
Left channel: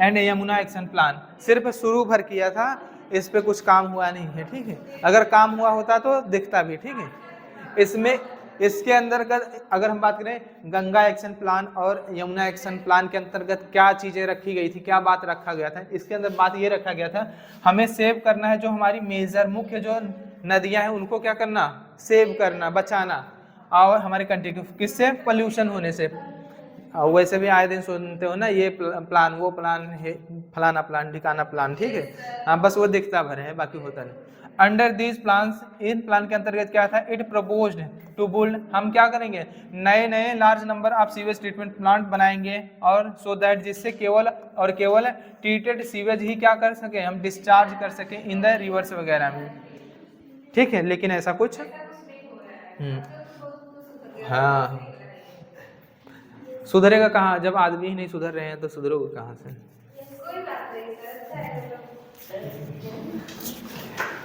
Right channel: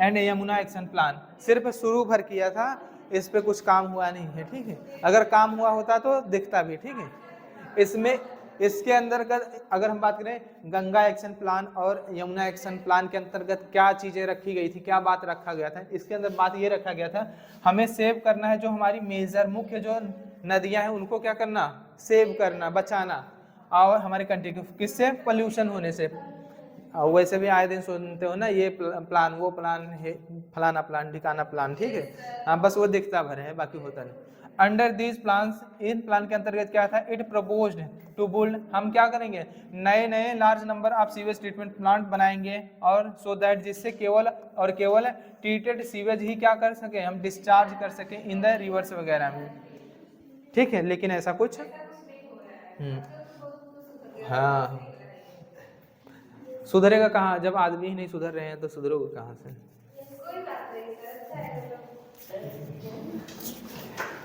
and Yamuna action plan. सिर्फ शुरू भर किया था, इस पे कुछ काम हुआ नहीं है। ठीक है, अगर काम हुआ होता तो दिखता भी। ठीक है, इसमें इसके अंतर्गत अगर हम बात करें गंगा एक्शन प्लान और यमुना एक्शन प्लान के अंतर्गत क्या चीजें रखी गई थी, क्या बात रखा गया था, इसके अंदर बात ये रखा गया था, हमें सेव करना है जो हमारी मेजर मुख्य जो नदियां हैं उनको क्या करना, सेव करना, बचाना, और हमारे कंट्री को किससे, पोल्यूशन होने से। वैसे भी आए दिन सुनते हो ना, ये प्लान, वो प्लान है, फलाना प्लान, ठिकाना प्लान। ठीक है, हाँ, बस वो दिखता भर है, बाकी होता नहीं। Under these plans, in plan के अंतर्गत क्या था, इट प्रपोज्ड टू बिल्ड, हम क्या करेंगे, नए नए large number of sewage treatment plant बनाएंगे, और सो दैट, जिससे केवल और केवल ट्रीटेड सीवेज ही क्या कर सके, हम डिस्चार्ज कर सके इन द रिवर्स वगैरह में। ठीक है, लेकिन ऐसा कुछ हाँ, सुधरेगा कहाँ, जब आदमी ही नहीं सुधर रहे हैं तो सुधरोगे कहाँ से।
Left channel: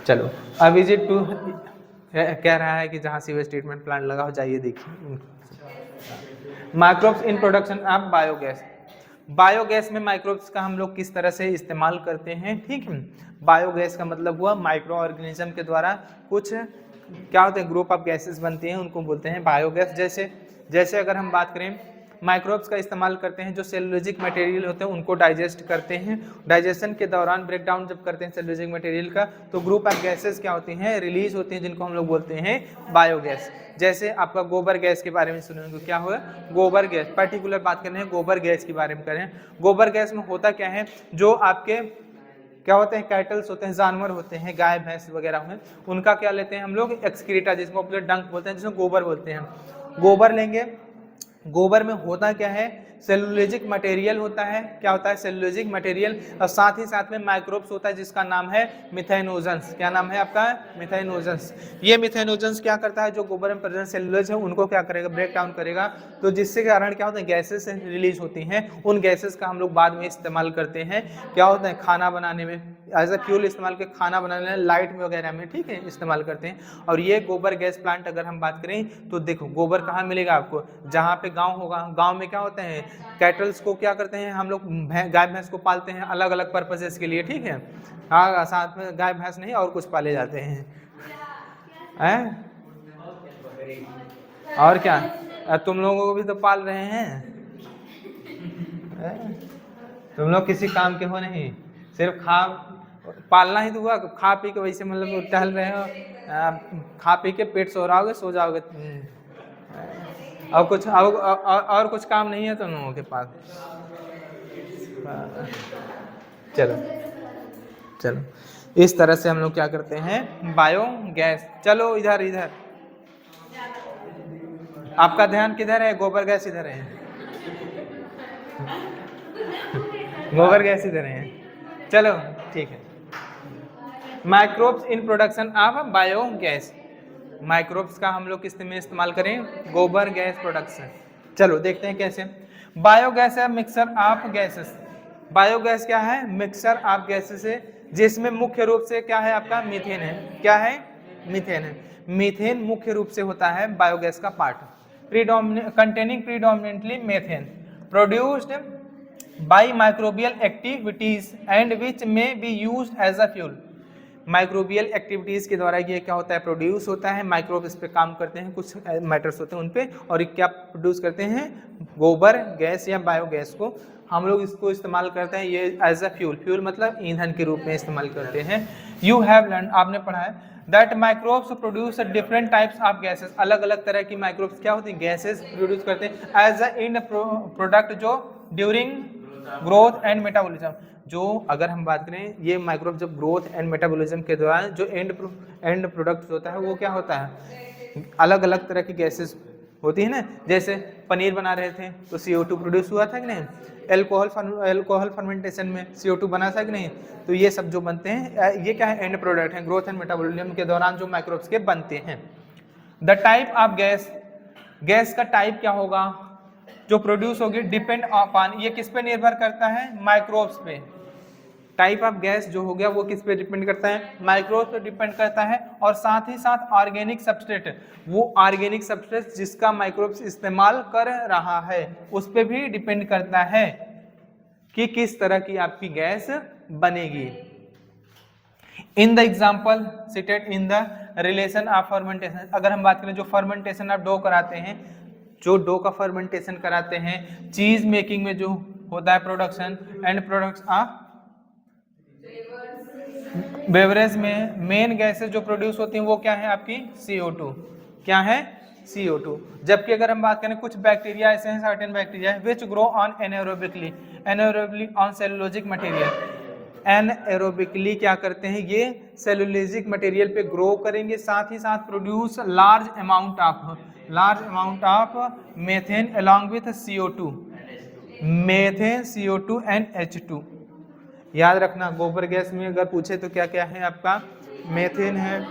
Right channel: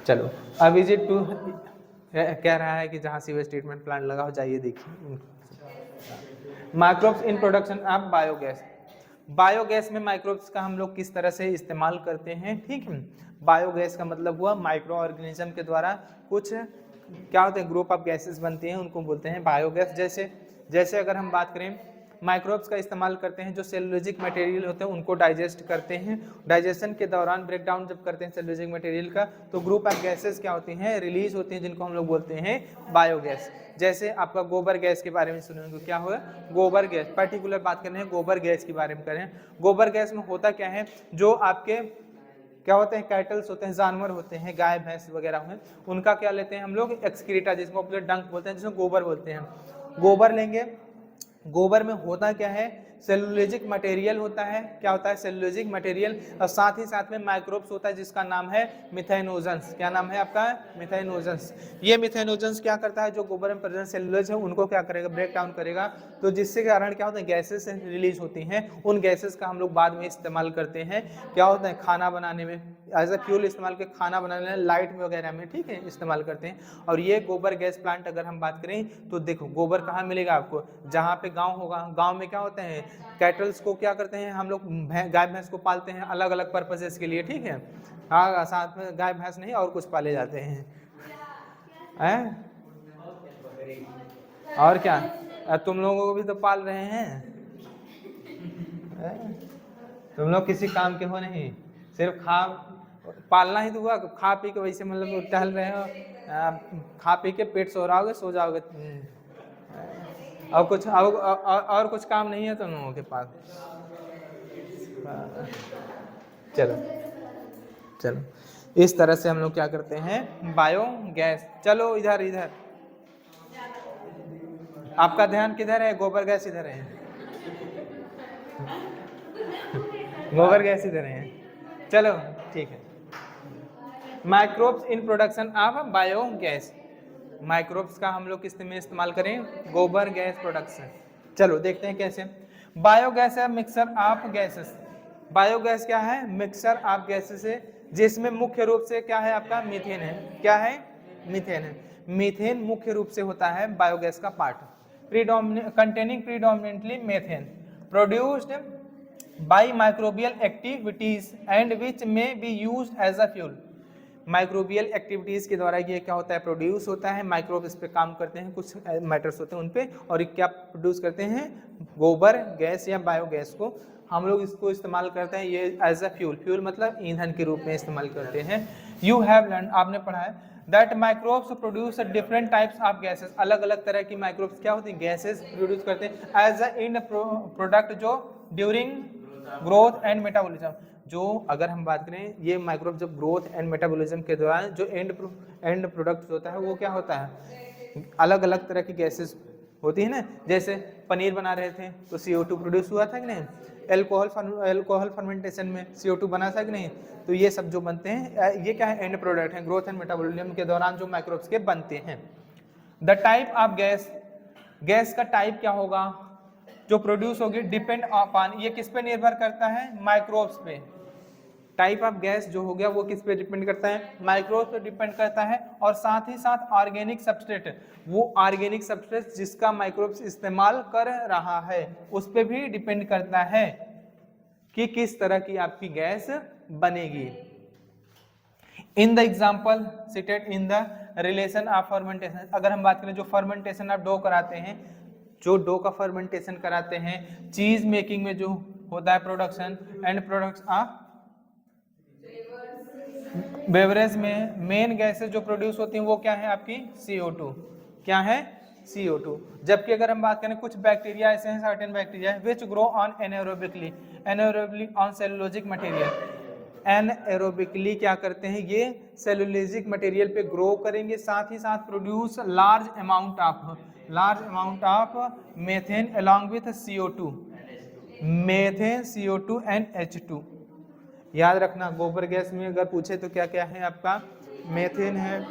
चलो, अब विजिट टू कह रहा है कि जहाँ सीवेज ट्रीटमेंट प्लांट लगा हो, जाइए देखिए। Microbes in production of biogas, biogas में माइक्रोब्स का हम लोग किस तरह से इस्तेमाल करते हैं। ठीक है, बायोगैस का मतलब हुआ माइक्रो ऑर्गेनिज्म के द्वारा कुछ क्या होते हैं, ग्रुप ऑफ गैसेस बनती हैं, उनको बोलते हैं बायोगैस। जैसे अगर हम बात करें, माइक्रोब्स का इस्तेमाल करते हैं, जो सेलुलोजिक मटेरियल होते हैं उनको डाइजेस्ट करते हैं, डाइजेशन के दौरान ब्रेक डाउन जब करते हैं सेलुलोजिक मटेरियल का, तो ग्रुप ऑफ गैसेस क्या होती हैं, रिलीज होती हैं, जिनको हम लोग बोलते हैं बायोगैस। जैसे आपका गोबर गैस के बारे में सुने हो, क्या हुआ, गोबर गैस, पर्टिकुलर बात कर रहे हैं गोबर गैस के बारे में करें। गोबर गैस में होता क्या है, जो आपके क्या होते हैं, कैटल्स होते हैं, जानवर होते हैं, गाय भैंस वगैरह हैं, उनका क्या लेते हैं हम लोग, एक्सक्रीटा, जिसको अपने डंक बोलते हैं, जिसको गोबर बोलते हैं, गोबर लेंगे। गोबर में होता क्या है, सेलुलोजिक मटेरियल होता है, क्या होता है, सेलुलोजिक मटेरियल, और साथ ही साथ में माइक्रोब्स होता है जिसका नाम है मिथेनोजेंस। क्या नाम है आपका, मिथेनोजेंस। ये मिथेनोजेंस क्या करता है, जो गोबर में प्रेजेंट सेलुलोज है उनको क्या करेगा, ब्रेक डाउन करेगा, तो जिससे कारण क्या होता है, गैसेस रिलीज होती हैं। उन गैसेस का हम लोग बाद में इस्तेमाल करते हैं, क्या होता है, खाना बनाने में, एज ए फ्यूल इस्तेमाल के, खाना बनाने में, लाइट में वगैरह में, ठीक है, इस्तेमाल करते हैं। और ये गोबर गैस प्लांट अगर हम बात करें तो देखो, गोबर कहाँ मिलेगा आपको, जहाँ पे गांव होगा, गांव में क्या होते हैं, कैटल्स को क्या करते हैं हम लोग, गाय भैंस को पालते हैं अलग अलग पर्पसेस के लिए। ठीक है, हाँ, साथ में गाय भैंस नहीं और कुछ पाले जाते हैं, और क्या, तुम लोगों को भी तो पाल रहे हैं, तुम लोग किसी काम के हो नहीं, सिर्फ पालना ही तो हुआ, खा पी के वैसे मतलब टहल रहे हो, खा पी के पेट सो रहोगे, सो जाओगे, और कुछ और कुछ काम नहीं है तुम लोगों के पास। चलो इस तरह से हम लोग क्या करते हैं, बायोगैस। चलो इधर आपका ध्यान किधर है, गोबर गैस इधर है, गोबर गैस इधर है। चलो ठीक है, microbes in production of biogas, microbes का हम लोग किस में इस्तेमाल करें, गोबर गैस प्रोडक्शन। चलो देखते हैं कैसे। बायोगैस है मिक्सर ऑफ गैसेस, बायोगैस क्या है, मिक्सर ऑफ गैसेस है, जिसमें मुख्य रूप से क्या है आपका, मीथेन है। क्या है, मीथेन है। मीथेन मुख्य रूप से होता है बायोगैस का part, containing predominantly methane produced by microbial activities and which may be used as a fuel. Microbial activities के द्वारा ये क्या होता है, प्रोड्यूस होता है, माइक्रोब इस पे काम करते हैं, कुछ मैटर्स होते हैं उन पे, और क्या प्रोड्यूस करते हैं, गोबर गैस या बायोगैस को हम लोग इसको इस्तेमाल करते हैं, ये एज अ फ्यूल, फ्यूल मतलब ईंधन के रूप में इस्तेमाल करते हैं। यू हैव लर्न, आपने पढ़ा है, that microbes produce different types of gases, अलग अलग तरह की माइक्रोब्स क्या होती है, गैसेस प्रोड्यूस करते हैं एज अ इन प्रोडक्ट, जो ड्यूरिंग ग्रोथ एंड मेटाबॉलिज्म। जो अगर हम बात करें ये माइक्रोब जब ग्रोथ एंड मेटाबॉलिज्म के दौरान जो एंड प्रोडक्ट होता है वो क्या होता है, अलग अलग तरह की गैसेस होती है ना। जैसे पनीर बना रहे थे तो CO2 प्रोड्यूस हुआ था कि नहीं, एल्कोहल फर्मेंटेशन में CO2 बना था कि नहीं। तो ये सब जो बनते हैं ये क्या है, एंड प्रोडक्ट हैं ग्रोथ एंड मेटाबॉलिज्म के दौरान जो माइक्रोब्स के बनते हैं। The type of gas, gas का टाइप क्या होगा जो प्रोड्यूस होगी, डिपेंड अपॉन, ये किस पे निर्भर करता है, माइक्रोब्स पे। टाइप ऑफ गैस जो हो गया वो किस पे डिपेंड करता है, माइक्रोब्स पे डिपेंड करता है। और साथ ही साथ ऑर्गेनिक सबस्ट्रेट, वो ऑर्गेनिक सबस्ट्रेट जिसका माइक्रोब्स इस्तेमाल कर रहा है उस पे भी डिपेंड करता है कि किस तरह की आपकी गैस बनेगी। In the example seated in the relation of fermentation, अगर हम बात करें जो फर्मेंटेशन आप डो कराते हैं, जो डो का फर्मेंटेशन कराते हैं, चीज मेकिंग में जो होता है production and products of beverage में मेन गैसेस जो प्रोड्यूस होती हैं वो क्या है आपकी CO2, क्या है CO2। जबकि अगर हम बात करें कुछ बैक्टीरिया ऐसे हैं, certain bacteria which grow on anaerobically on cellulosic material. Anaerobically क्या करते हैं, ये सेलुलोजिक मटेरियल पे ग्रो करेंगे, साथ ही साथ produce large amount of methane along with CO2, methane CO2 and H2। याद रखना गोबर गैस में अगर पूछे तो क्या क्या है आपका, मेथेन है,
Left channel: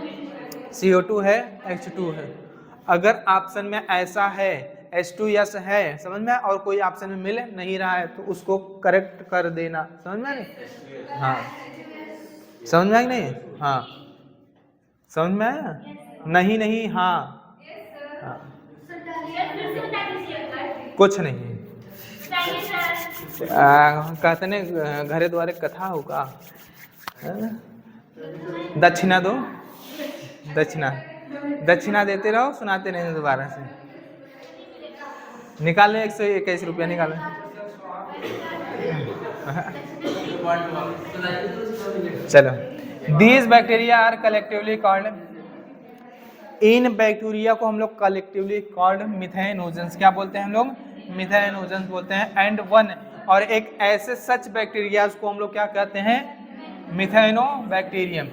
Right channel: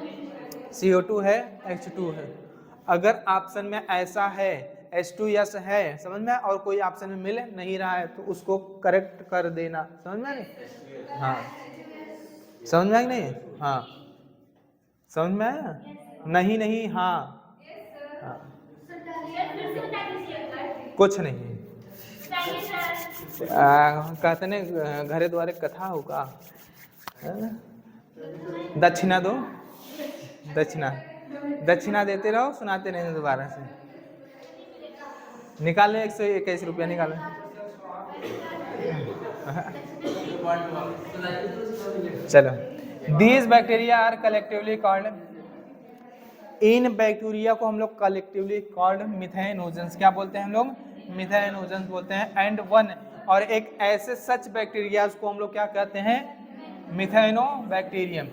CO2 है, H2 है। अगर ऑप्शन में ऐसा है H2 यस है समझ में, और कोई ऑप्शन में मिल नहीं रहा है तो उसको करेक्ट कर देना, समझ में नहीं, हाँ समझ में आई नहीं, हाँ समझ में आया, नहीं नहीं हाँ, हाँ। कुछ नहीं कहते ने घरे द्वारे कथा होगा, दक्षिणा दो, दक्षिणा देते रहो, सुनाते नहीं दोबारा से। निकाले 121 रुपया निकाले। चलो, these bacteria are collectively called, इन बैक्टीरिया को हम लोग कलेक्टिवली कॉल्ड मिथेनोजेंस, क्या बोलते हैं हम लोग, मिथेनोजेंस बोलते हैं। एंड वन, और एक ऐसे सच बैक्टीरिया को हम लोग क्या कहते हैं, मिथेनोबैक्टीरियम।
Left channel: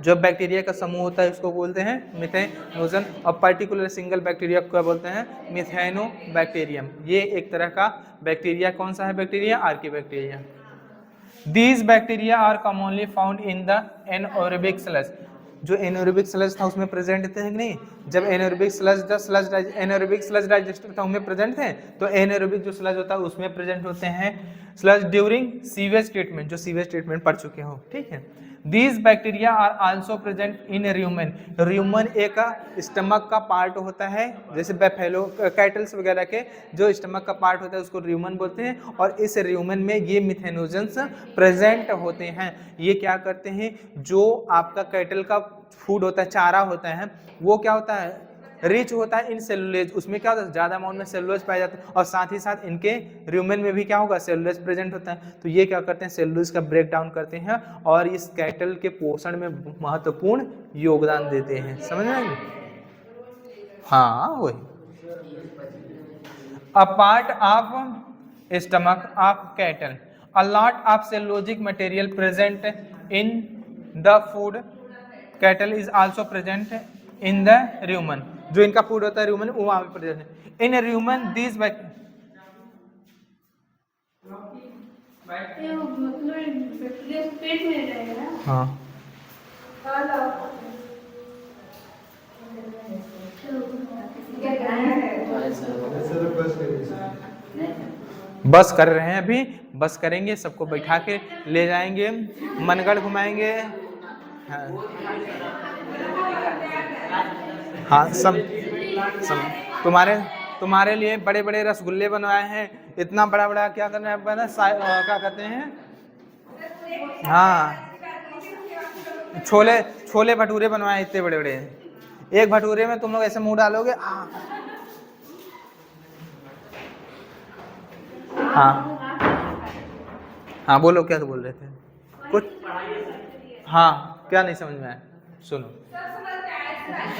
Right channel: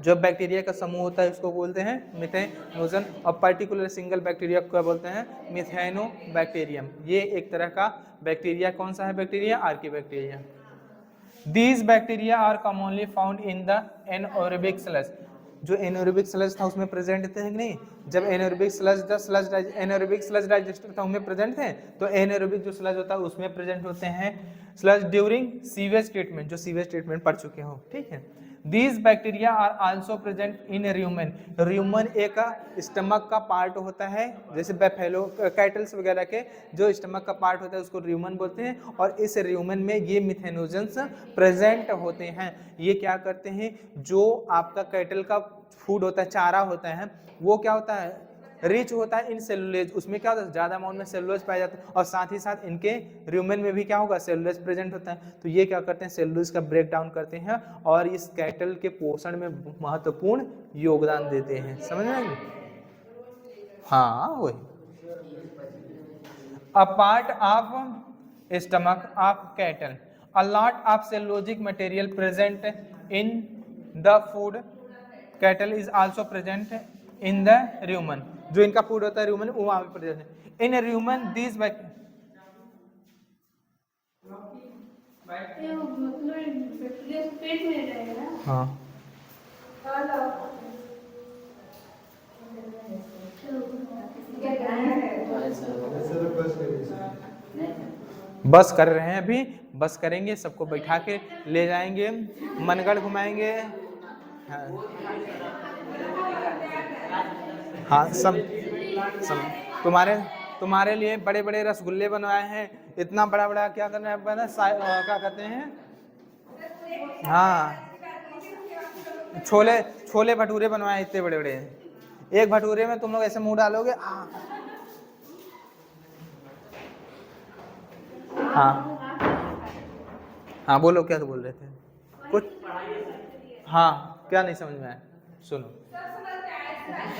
जो बैक्टीरिया का समूह होता है उसको बोलते हैं मिथेनोजन, और पर्टिकुलर सिंगल बैक्टीरिया को क्या बोलते हैं, मिथेनोबैक्टीरियम। ये एक तरह का बैक्टीरिया, कौन सा है bacteria, archaebacteria. These bacteria are commonly found in the anaerobic sludge, जो एनारोबिक स्लज था उसमें प्रेजेंट थे कि नहीं, जब एनारोबिक स्लज डाइजेस्टर था उनमें प्रेजेंट थे, तो एनारोबिक जो स्लज होता है उसमें प्रेजेंट होते हैं स्लज ड्यूरिंग सीवेज ट्रीटमेंट, जो सीवेज ट्रीटमेंट पढ़ चुके हो, ठीक है। These bacteria are also present in rumen, rumen एक स्टमक का पार्ट होता है, जैसे बैफेलो कैटल्स वगैरह के जो स्टमक का पार्ट होता है उसको र्यूमन बोलते हैं, और इस र्यूमन में ये मिथेनोजेंस प्रेजेंट होते हैं। ये क्या करते हैं, जो आपका कैटल का फूड होता है, चारा होता है, वो क्या होता है, रिच होता है इन सेलुलोज, उसमें क्या होता है, ज्यादा अमाउंट में सेलुलोज पाया जाता है, और साथ ही साथ इनके र्यूमेन में भी क्या होगा, सेलुलोज प्रेजेंट होता है। तो ये क्या करते हैं, सेलुलोज का ब्रेक डाउन करते हैं और इस कैटल के पोषण में महत्वपूर्ण योगदान देते हैं, समझ में आएगी, हाँ वही। A part of stomach of cattle, a lot of cellulosic material present in the food, cattle is also present in the र्यूमन, जो इनका फूड होता है र्यूमन वो वहां पे प्रेजेंट है। इन र्यूमन दिस हाँ बस कर रहे हैं, अभी बस करेंगे, सबको बैठा के ले जाएंगे, मनगढ़ घुमाएंगे, हाँ सब तुम्हारे लिए बड़े बड़े रसगुल्ले बनवाए हैं, इतना बड़ा बड़ा क्या करना है, क्या कहते हैं, हाँ छोले भटूरे बनवाए इतने बड़े बड़े, एक भटूरे में तुम लोग ऐसे मुंह डालोगे, हाँ हाँ बोलो, क्या तो बोल रहे थे कुछ, हाँ क्या नहीं समझ में आया, सुनो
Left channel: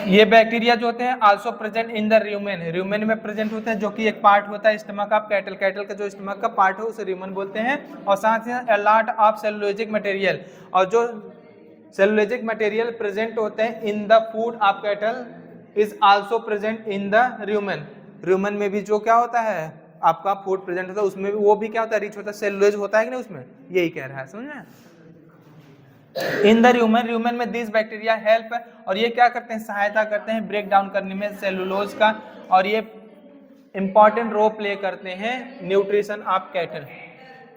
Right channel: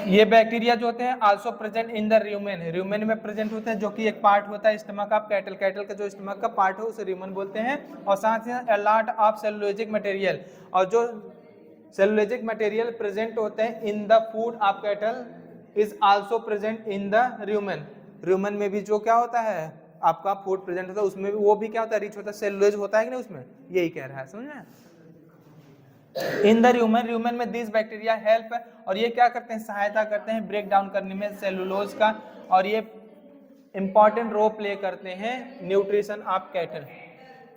ये बैक्टीरिया जो होते हैं also present in the rumen, rumen में प्रेजेंट होते हैं, जो कि एक पार्ट होता है स्टमक ऑफ कैटल, कैटल का जो स्टमक का पार्ट है उसे र्यूमेन बोलते हैं। और साथ ही a lot of cellulosic material, और जो सेलुलोजिक मटेरियल प्रेजेंट होते हैं इन the food of cattle is also present in the rumen, rumen में भी जो क्या होता है आपका फूड प्रेजेंट होता है उसमें भी वो भी क्या होता है रिच होता है, सेलुलोज होता है कि नहीं उसमें, यही कह रहा है, समझ में। इन द र्यूमेन, र्यूमेन में दिस बैक्टीरिया हेल्प, और ये क्या करते हैं सहायता करते हैं ब्रेक डाउन करने में सेलुलोज का, और ये इंपॉर्टेंट रोल प्ले करते हैं न्यूट्रिशन ऑफ कैटल,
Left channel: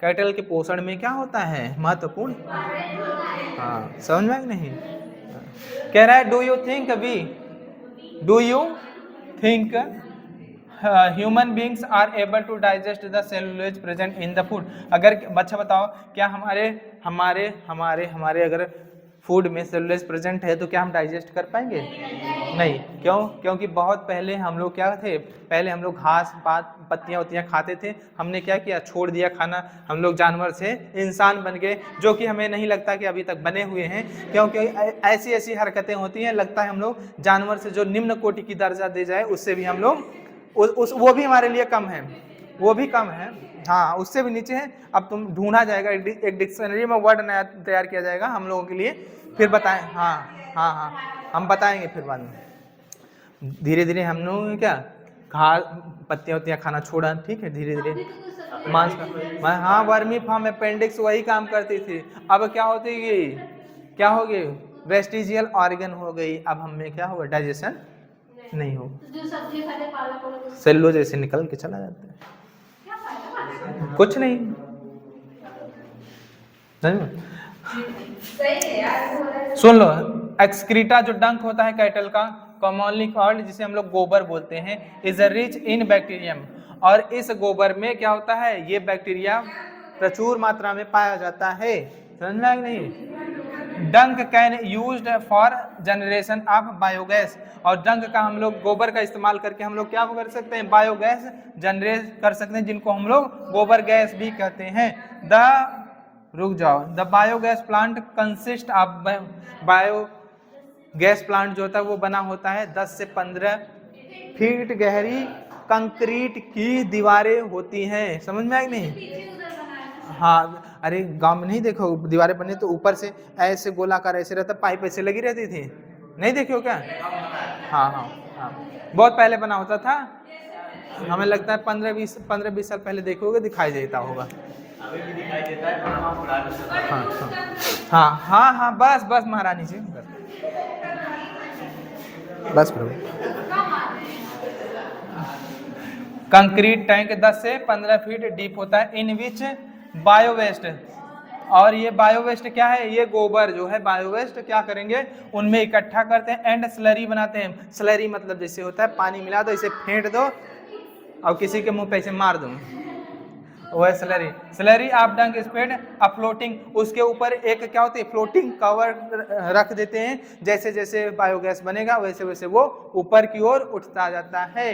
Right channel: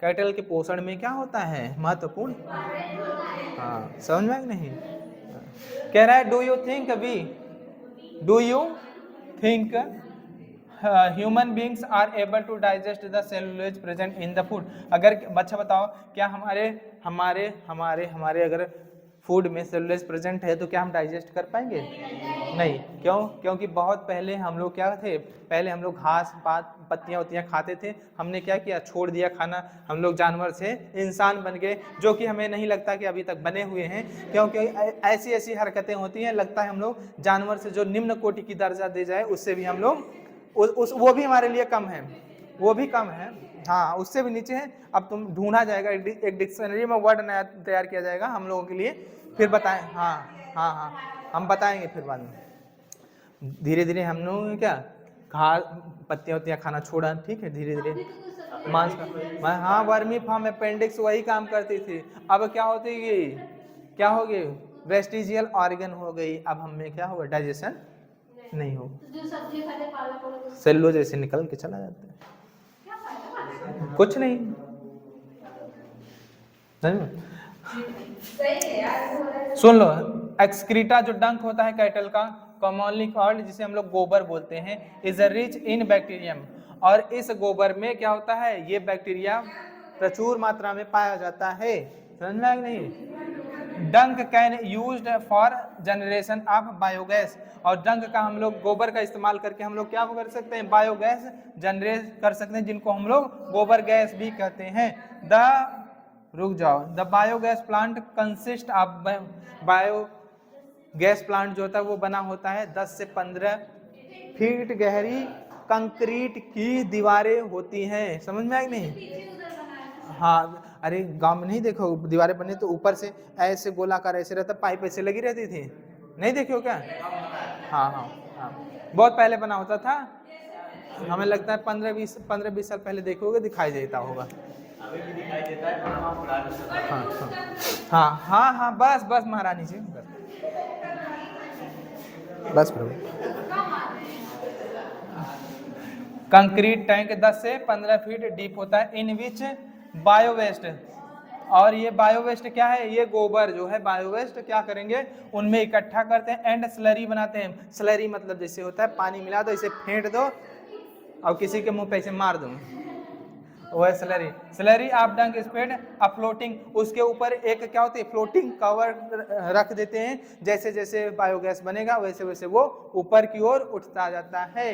कैटल के पोषण में क्या होता है महत्वपूर्ण। हाँ समझ में कि नहीं। कह रहा है do you think human beings are able to digest the cellulose present in the food. अगर बच्चा बताओ क्या हमारे हमारे हमारे हमारे अगर फूड में सेलुलोज प्रेजेंट है तो क्या हम डाइजेस्ट कर पाएंगे? नहीं। क्यों? क्योंकि बहुत पहले हम लोग क्या थे, पहले हम लोग घास पात पत्तियां वत्तियां खाते थे, हमने क्या किया छोड़ दिया खाना, हम लोग जानवर से इंसान बन गए, जो कि हमें नहीं लगता कि अभी तक बने हुए हैं, क्योंकि ऐसी ऐसी हरकतें होती हैं, लगता है हम लोग जानवर से जो निम्न कोटि की दर्जा दे जाए उससे भी हम लोग वो भी हमारे लिए कम है, वो भी कम है, हाँ उससे भी नीचे है। अब तुम ढूंढा जाएगा, एक डिक्शनरी में वर्ड नया तैयार किया जाएगा हम लोगों के लिए, फिर बताएं। हाँ हाँ हाँ हम बताएंगे फिर बाद में। धीरे धीरे हम लोग क्या घास पत्तियां वत्तियां खाना छोड़ा, ठीक है, धीरे धीरे मांस का, हाँ वर्मी फार्म अपेंडिक्स वही काम करती थी। अब क्या होती गई, क्या हो गई वेस्टिजियल ऑर्गन हो गई, अब हमें क्या होगा डाइजेशन नहीं हो, सेलुलोज जैसे निकल के चला जाता है, कुछ नहीं। सुन लो, एक्सक्रीटा जो डंक होता है कैटल का, कॉमनली कॉल्ड जिसे हम लोग गोबर बोलते हैं, इज रिच इन बैक्टीरियम, और इस गोबर में क्या होता है ये बैक्टीरिया प्रचुर मात्रा में पाया जाता है, समझ में आया नहीं। डंक can used for generation of biogas, और डंक का हम लोग गोबर का इस्तेमाल करके हम लोग क्या कर सकते हैं बायोगैस जनरेट कर सकते हैं, जिनको हम लोग गोबर गैस भी कहते हैं। रुक जाओ, the biogas plant consist of biogas plant जो होता है वो बना होता है 10 से 15 फीट गहरी कंक्रीट की दीवारें होती हैं, समझ में आया नहीं। हाँ अरे गांव में नहीं देखो दीवारें बने तो ऊपर से ऐसे गोलाकार ऐसे रहता, पाइप ऐसे लगी रहती थी, नहीं देखे हो क्या? हाँ हाँ हाँ बहुत पहले बना होता था, हमें लगता है 15-20 साल पहले देखोगे दिखाई देता होगा। हाँ हाँ हाँ हाँ हाँ बस बस महारानी जी बस करो। कंक्रीट टैंक 10 से 15 फीट डीप होता है, इन विच बायो वेस्ट, और ये बायो वेस्ट क्या है, ये गोबर जो है बायो वेस्ट क्या करेंगे उनमें इकट्ठा करते हैं, एंड स्लरी बनाते हैं। स्लरी मतलब जैसे होता है पानी मिला दो इसे फेंट दो और किसी के मुंह पे इसे मार दो, वह स्लरी। स्लरी ऑफ डंक स्प्रेड अ फ्लोटिंग, उसके ऊपर एक क्या होती है फ्लोटिंग कवर रख देते हैं, जैसे जैसे बायोगैस बनेगा वैसे वैसे वो ऊपर की ओर उठता जाता है।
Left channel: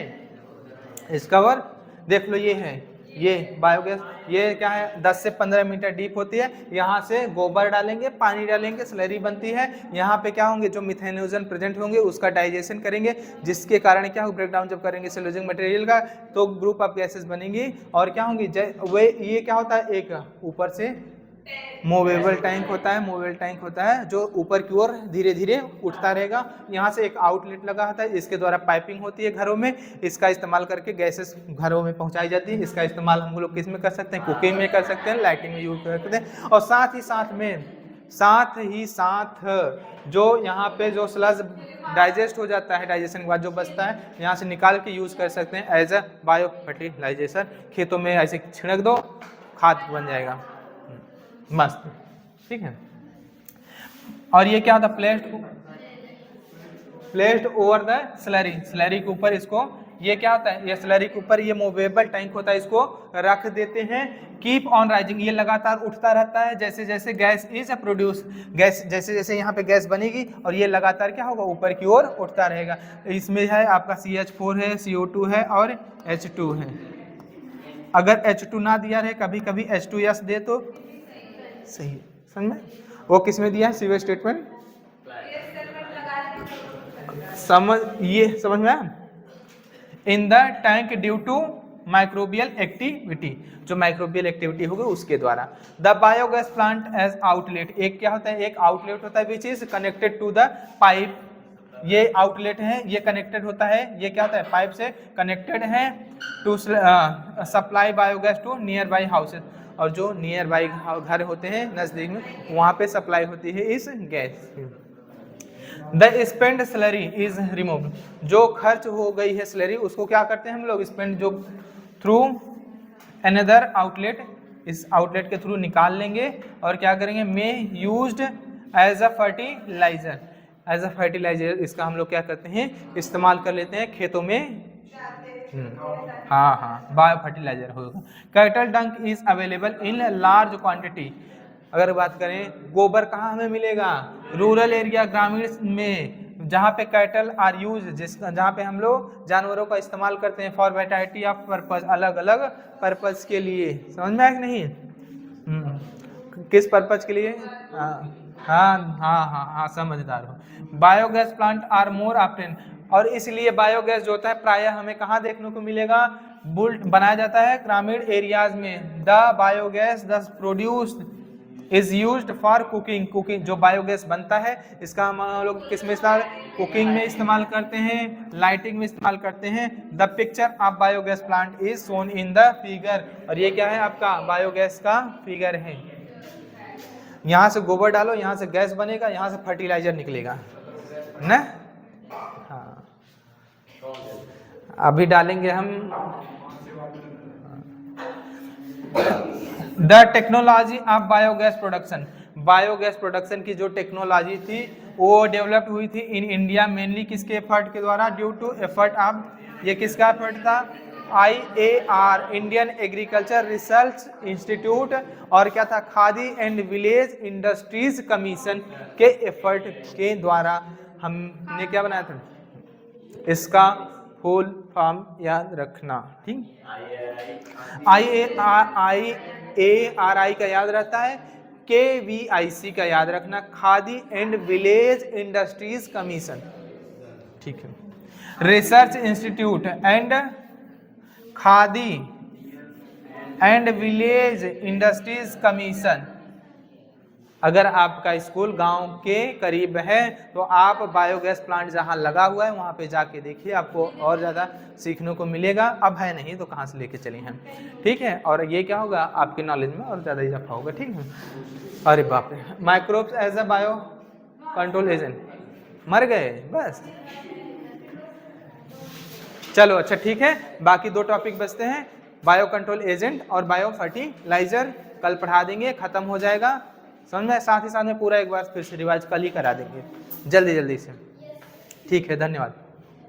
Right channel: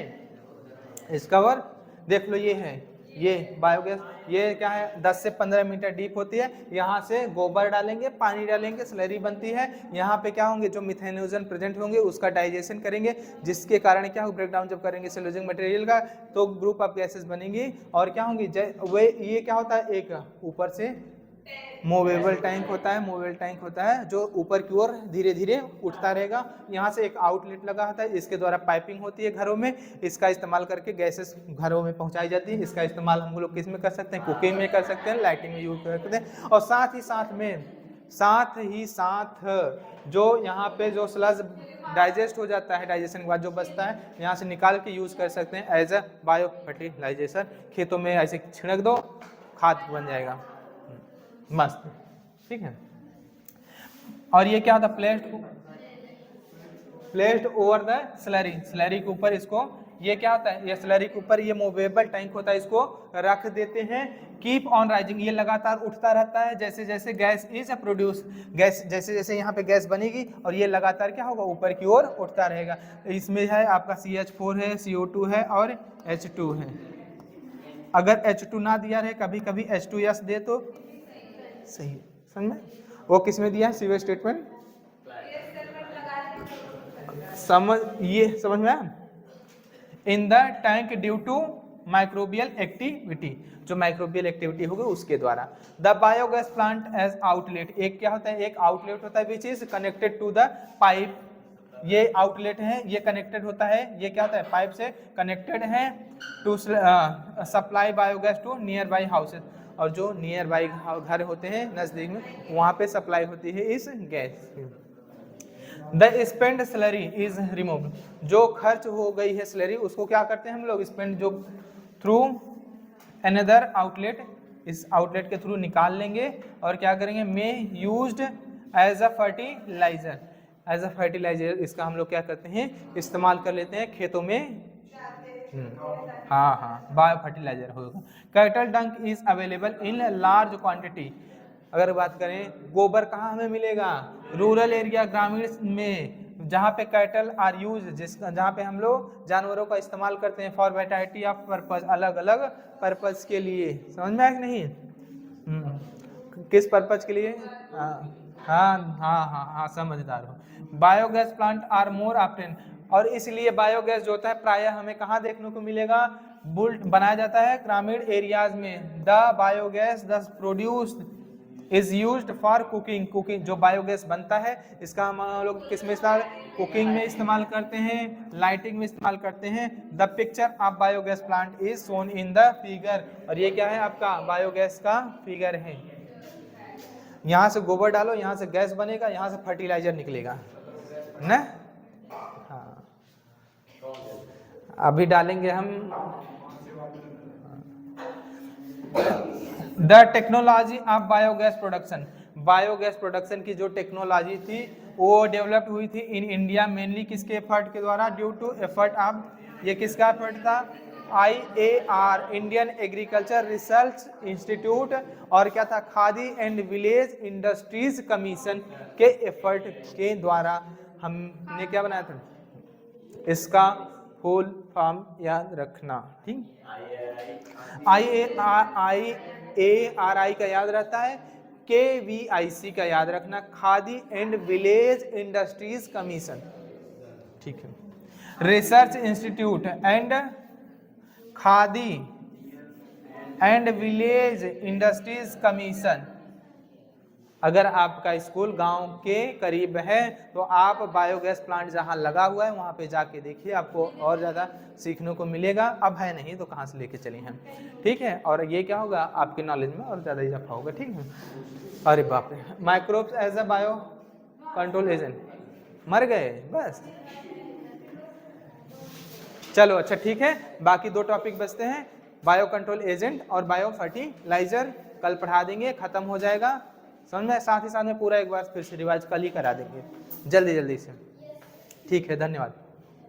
इस कवर देख लो, ये है ये बायोगैस, ये क्या है 10 से 15 मीटर डीप होती है, यहाँ से गोबर डालेंगे पानी डालेंगे स्लरी बनती है, यहाँ पे क्या होंगे जो मिथेनोजन प्रेजेंट होंगे उसका डाइजेशन करेंगे, जिसके कारण क्या हो ब्रेक डाउन जब करेंगे सेलुलोजिक मटेरियल का तो ग्रुप ऑफ गैसेस बनेंगी, और क्या होंगी वे ये क्या होता है एक ऊपर से मूवेबल टैंक होता है, मूवेबल टैंक होता है जो ऊपर की ओर धीरे धीरे उठता रहेगा, यहाँ से एक आउटलेट लगा होता है, इसके द्वारा पाइपिंग होती है घरों में, इसका इस्तेमाल करके गैसेस घरों में पहुंचाई जाती है। इसका इस्तेमाल हम लोग किस में कर सकते हैं, कुकिंग में कर सकते हैं, लाइटिंग में यूज कर सकते हैं, और साथ ही साथ जो यहाँ पे जो स्लज डाइजेस्ट हो जाता है, डाइजेशन के बाद जो बचता है यहाँ से निकाल के यूज कर सकते हैं एज अ बायो फर्टिलाइजेशन, खेतों में ऐसे छिड़क दो खाद बन जाएगा मस्त, ठीक है। और ये क्या होता है placed over the slurry, slurry के ऊपर इसको ये क्या होता है ये स्लरी के ऊपर ये मूवेबल टैंक होता है, इसको रख देते हैं। कीप ऑन राइजिंग, ये लगातार उठता रहता है जैसे जैसे गैस इज प्रोड्यूस, गैस जैसे जैसे यहाँ पे गैस बनेगी और ये लगातार क्या होगा ऊपर की ओर उठता रहेगा। इसमें है आपका CH4 है, CO2 है और H2 है। अगर H2 ना दिया रहे कभी कभी H2S दे तो सही है, समझ में। वो किस में दिया है सीवेज स्टेटमेंट, ये समझ में आया? In the tank due to microbial activity, जो माइक्रोबियल एक्टिविटी होगी उसके द्वारा। The biogas plant has outlet, एक क्या होता है, एक आउटलेट होता है which is connected to the pipe, ये आउटलेट है, ये कनेक्टेड होता है, ये क्या होता है पाइप से कनेक्टेड है to supply biogas to nearby houses, और जो नियर बाई घर होते हैं नजदीक में वहां पे सप्लाई होती है इस gas. The spend slurry is remove, जो खर्च हो गई है स्लरी उसको क्या करते हैं हम लोग, स्पेंड जो थ्रू अनदर आउटलेट, इस आउटलेट के थ्रू निकाल लेंगे और क्या करेंगे, may used as a fertiliser, as a fertiliser इसका हम लोग क्या करते हैं इस्तेमाल कर लेते हैं खेतों में। हाँ बायो फर्टिलाइजर होगा। कैटल डंक is available in large quantity, अगर बात करें गोबर कहाँ हमें मिलेगा, रूरल एरिया ग्रामीण में, जहाँ पे कैटल आर यूज, जहाँ पे हम लोग जानवरों का इस्तेमाल करते हैं फॉर वैरायटी ऑफ पर्पज, अलग अलग पर्पज के लिए, समझ में आया कि नहीं? किस पर्पज के लिए? हाँ समझदार हो। Biogas plant are more often, और इसलिए बायोगैस जो होता है प्रायः हमें कहाँ देखने को मिलेगा, बुल्ट बनाया जाता है ग्रामीण एरियाज में। द बायोगैस दस produced is used for cooking, cooking जो बायोगैस बनता है इसका हम लोग किस में इस्तेमाल, कुकिंग में इस्तेमाल करते हैं, लाइटिंग में इस्तेमाल करते हैं। The picture of biogas plant is shown in the figure, और ये क्या है आपका बायोगैस का फिगर है। यहाँ से गोबर डालो, यहाँ से गैस बनेगा, यहाँ से फर्टिलाइजर निकलेगा ना। हाँ अभी डालेंगे हम। The technology of biogas production, biogas production की जो टेक्नोलॉजी थी वो डेवलप्ड हुई थी इन इंडिया मेनली किसके एफर्ट के द्वारा, ड्यू टू एफर्ट ऑफ, ये किसका एफर्ट था, IAR Indian agriculture research institute, और क्या था khadi and village industries commission के एफर्ट के द्वारा हमने क्या बनाया था, इसका फुल फॉर्म याद रखना, ठीक। IARI का याद रहता है, KVIC का याद रखना, khadi and village industries commission, ठीक है। Research institute and khadi and village industries commission, अगर आपका स्कूल गांव के करीब है तो आप बायोगैस प्लांट जहां लगा हुआ है वहां पे जाके देखिए, आपको और ज़्यादा सीखने को मिलेगा। अब है नहीं तो कहाँ से लेके चले हैं, ठीक है। और ये क्या होगा आपके नॉलेज में और ज़्यादा इजाफा होगा, ठीक है। अरे बाप रे, microbes as a bio control agent, मर गए बस। चलो अच्छा ठीक है, बाकी दो टॉपिक बचते हैं, बायो कंट्रोल एजेंट और बायो फर्टिलाइजर, कल पढ़ा देंगे, खत्म हो जाएगा समझ में। साथ ही साथ में पूरा एक बार फिर से रिवाइज कल ही करा देंगे जल्दी जल्दी से, ठीक है। धन्यवाद।